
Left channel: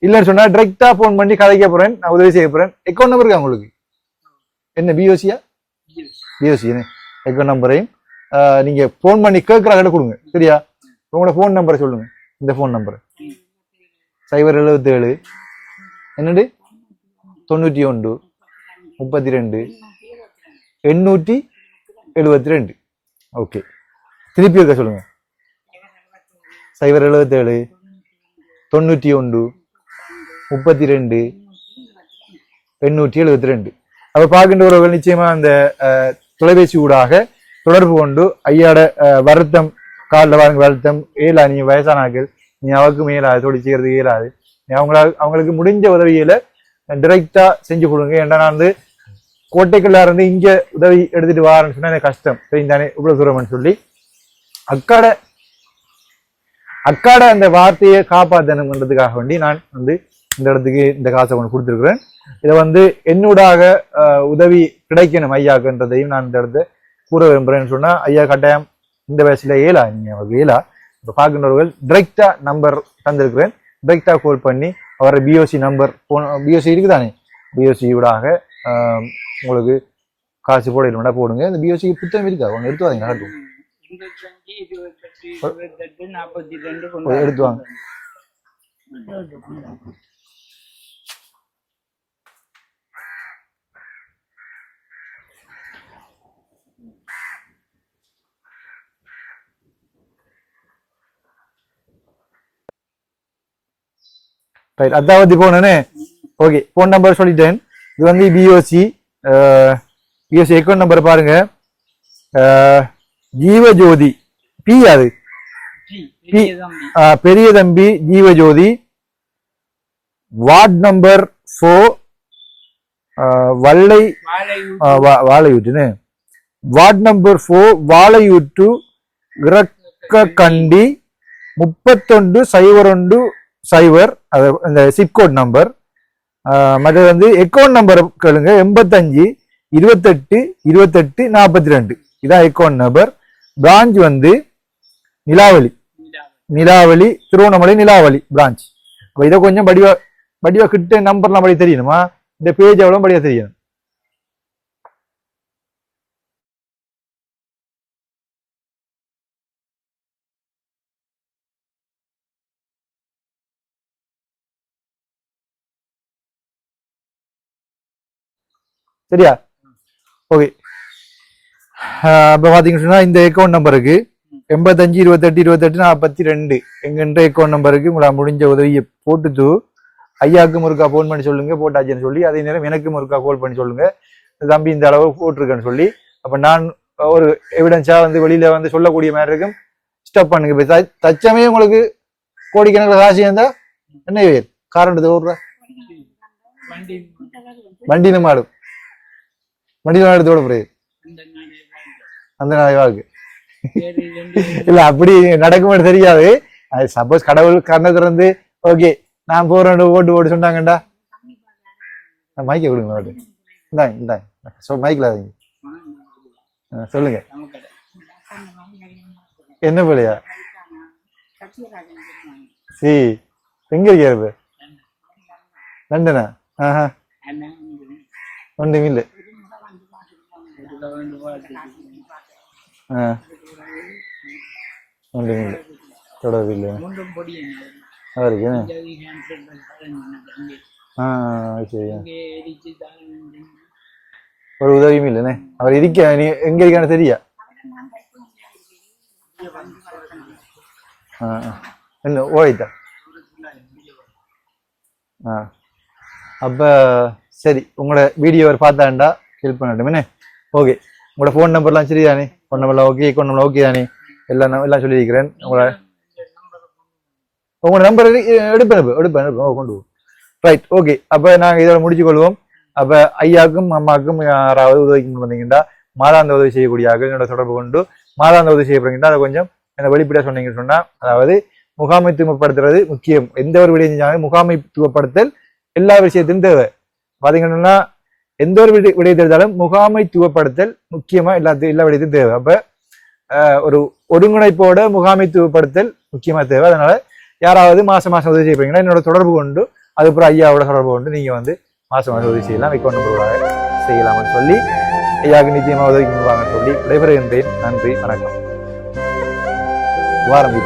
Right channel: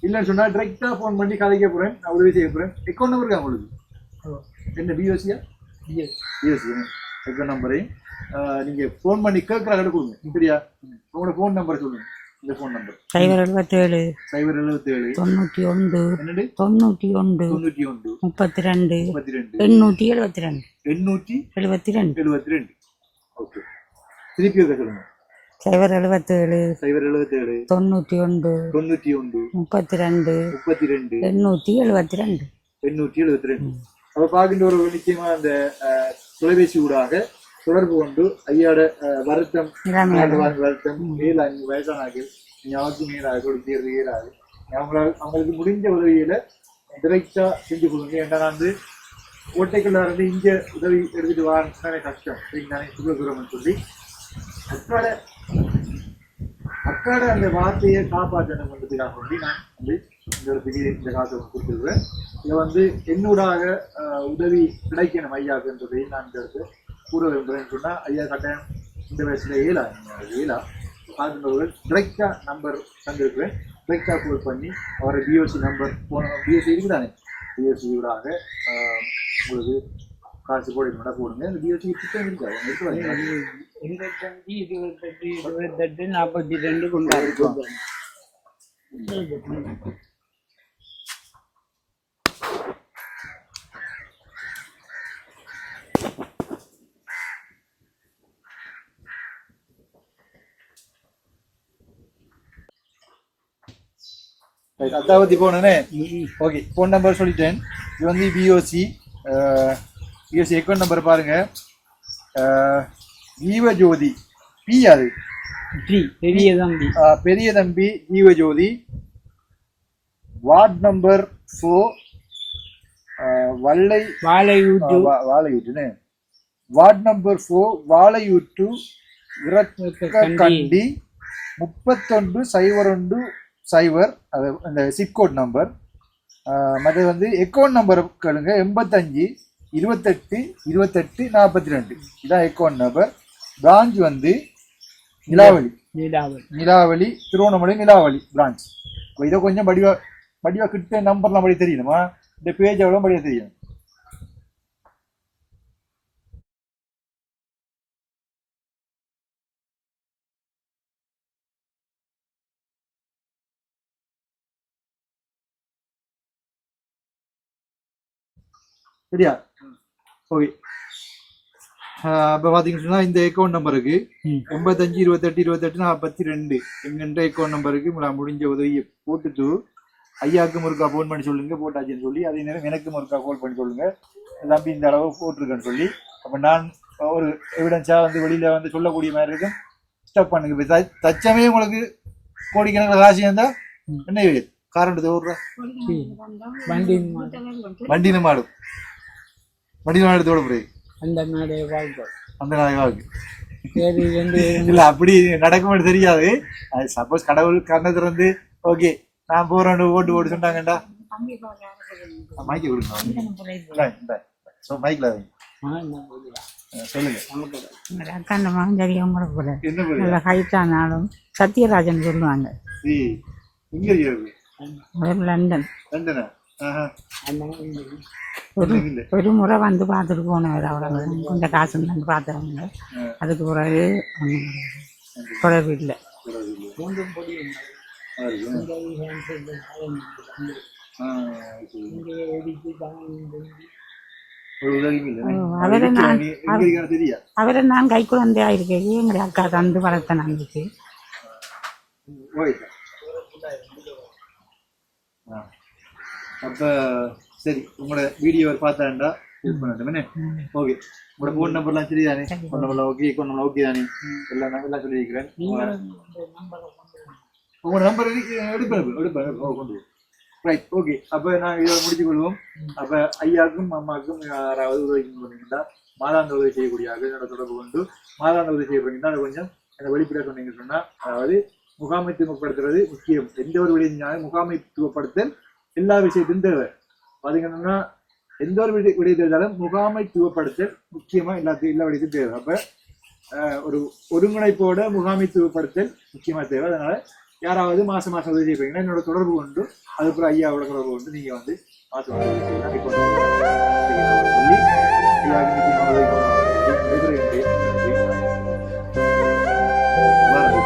இல்லைன்னு சொன்னா டைரக்டா போன் பண்ணி கதைக்க போறேன் நான் உதவி செய்ய போறேன் அக்கௌண்ட் நம்பர் இருக்கா உங்களுக்கு என்ன பிஓசியா பிஓசி அக்கௌண்ட் நம்பரையும் நீங்க போன் பண்ணி கேட்கற கடை கொடுங்க சரியா உங்களோட போன் நம்பரை சொல்லுங்க இந்த போன் நம்பர் 077 என்னது 91 32 872 ஓகே திருப்பி இருக்க சொல்லுங்க 077 91 32 872 அப்ப பார்க்கின்றவர்கள் நிச்சயமா அந்த தொலைபேசி ஊடாக தொடர்பு கொண்டு ஐயாட வருத்தம் காலில் வாங்க வருத்தம் ஏலா நீங்க வயசானாக்கள் நீ அவருக்கு மேலாது தொழில் செய்யறதுக்கு இயலாது அவங்களுக்கு முடிஞ்ச உதவியில டைரக்டா செஞ்சு கொடுங்க ஏன்னா நான் வந்து கோட்டைக்குள்ளா இருந்து இங்க உதவி எடுத்துட்டு வாரேன்னு சொன்னா எனக்கு கஷ்டம் சரிந்தானே இவ்வளவு தூரம்னு சொல்லி அக்காட அந்த வார்த்தையை காப்பாற்றணுன்றதுக்காக வேண்டி நான் வந்து இந்த இடத்துக்கு இந்த காசை கொண்டு கொடுத்துருக்குறேன் இதை வந்து என்னூடாக உதவி கிடைக்கணும் ஐயாக்குன்றதையும் நான் இந்த இடத்த கூற விரும்புறேன்னு சொன்னா ஐயா கட்டாயம் இந்த வயசுல ஏலா நீங்க ஏலா இப்போ பார்க்கின்றவர்கள் டைரக்டா நம்பர் தந்திருக்கிறேன் டைரக்டா கால் பண்ணி அவர பிஓசி நம்பர் பிஓசி இருக்குதானே பிஓசி ஊடாக உங்களுக்கு காசு போட போடுங்க இந்த பிஓசிக்கு புத்தகம் இருக்கா அவங்க எடுத்து வாங்க 42 எடுத்து வாங்க ரைட் அதாவது போனே ஓகே ஃபோன் நம்பர் சொல்லிட்டேன். இது வந்து பிஓசி அக்கௌண்ட் நம்பர் பாருங்க. ஜீவஜோதி பி அது பெரிய தம்பி ஜீவஜோதி வார்ட் நம்பர் 4 வாழையூட்டுன்னு வார்ட் நம்பர் 4 வாழையூட்டு இறக்கண்டி 3101 அது இந்த சிப்கோட் நம்பர். மற்றது வந்து அக்கௌண்ட் நம்பர் கேளுங்க 85 28 28 42 இதான் அக்கௌண்ட் நம்பர். பிரான்ச் வந்து நிலாவளி திருவண்ணாமலை நிலாவளி பிரான்ச். அப்ப இதை கொஞ்சம் படிவா கிட்ட நம்பர்லாம் படி தெரியணுமா, இந்த பேஜ் எவ்வளவு படியா தெரியணும். சரியா? ஓகே. இப்ப பாத்தீங்கன்னு சொன்னா இந்த அக்கௌண்ட் நம்பருக்கு 85 28 28 42 எங்கன்ற அக்கௌண்ட் நம்பருக்கு உங்களா முடிஞ்ச உதவியை போட்டுட்டு ஐயாவுக்கும் ஒருக்கா போன் பண்ணி சொல்லுங்க போட்டாச்சுன்னு சொல்லி, அதே நேரம் எனக்கும் ஒருக்கா கால் பண்ணி சொல்லுங்க தம்பி இந்த அளவு போட்டிருக்கேன்னு சொல்லி. அப்ப நான் ஒரு எவிடன்ஸா வந்து வெளியில வந்து சொல்லக்கூடிய மாதிரி இருக்கும். ஸ்டப் பண்ணுங்க. இப்ப தச்சமே உங்களுக்கு கோடிக்கணக்கில் காசு இருந்தா என்ன காரணத்தை ஓடுறா வண்டின்னு மாடும் வண்டி நாடு போறது அந்த நாளை வாழ்க்கை இல்ல அப்படி நடக்கும்னு தெரியாது. அது சப்போஸ் கடவுள் கண்ணை திறந்து ஓகே நான் போறேன் ஓட்டு சொன்னாங்கண்டா மைக்க கொடுங்க மைக்ல சொல்லுங்க. என்ன பிள்ளையா சத்யராஜன் சொல்லுவாங்க. எங்க இருக்காரு? லண்டன். லண்டனா? ஒரு முறை வந்து பார்த்துட்டு போனவர் அவ்வளவு. இந்த காசு வந்து பார்த்தவங்க அதுக்கு பிறகு தொடர்பு இல்லை. ஒரு உதவியும் இல்லைண்ணே. எங்க இருக்கான்னு தெரியா? அவரை நான் கை குழந்தையா இருக்கேன். எங்களுடைய அக்கா தந்து வளர்த்த நம்பிக்கை என்ன ஓய்தா? அப்ப சரி, உங்களோட வீடியோ பார்த்தாண்டா ஹெல்ப் பண்ணட்டும் என்ன? ஓகே. உங்களோட ஃபோன் நம்பர்லாம் சரிதானே? ஃபோன் நம்பர்லாம் ஓகே, அக்கௌண்ட் நம்பர் ஓகே தானே? எல்லாம் சொல்லியிருக்கிறேன். உங்களோட நம்பர் எடுப்பேன் கொண்டு ரைட். ஓகே. அப்ப நாங்கள் இதோட முடிச்சு கொள்வோம். அப்ப ஐயாவுக்கும் அம்மாவுக்கும் யாராவது உதவிக்கு வந்தீங்கன்னா மாதாந்த உதவி செய்யக்கூடிய என்னோட தொடர்பு கொண்டு மாதாந்த உதவி செய்யப்படுகின்றா அதை கொஞ்சம் என்ன வெளிப்படையா சொன்னீங்கன்னு சொன்னா, அதாவது முகாமைத்துவப்படுத்துறது முக்கியம். எந்த ஒரு விடயம் செஞ்சாலும் முகாமைத்துவப்படுத்தல் எல்லா விஷயத்திலும் தேவை. பாத்தீங்கன்னா எந்த ஒரு விடயத்தை எடுத்தாலும் முகாமைத்துவப்படுத்தல் முக்கியமா எல்லா விடயத்தையும் தேவை. அப்ப ஒரு ஒருங்கிணைப்போட முகாமைத்துவப்படுத்தல் முக்கியமா தேவை. அதனால யாராவது மாசம் உதவி செய்யறீங்கன்னா என்னோட தொடர்பு கொண்டு அதுக்கப்புறம் ஐயாவோட தொடர்பு கொண்டு நீங்க வந்து மாசம் உதவி செய்யலாம், செய்யலாம்னு சொல்லி ஐயாவுக்கு நிச்சயமா உதவி கொண்டு சொல்லி விடைபெறுகின்றேன். நன்றி, வணக்கம். வாரம்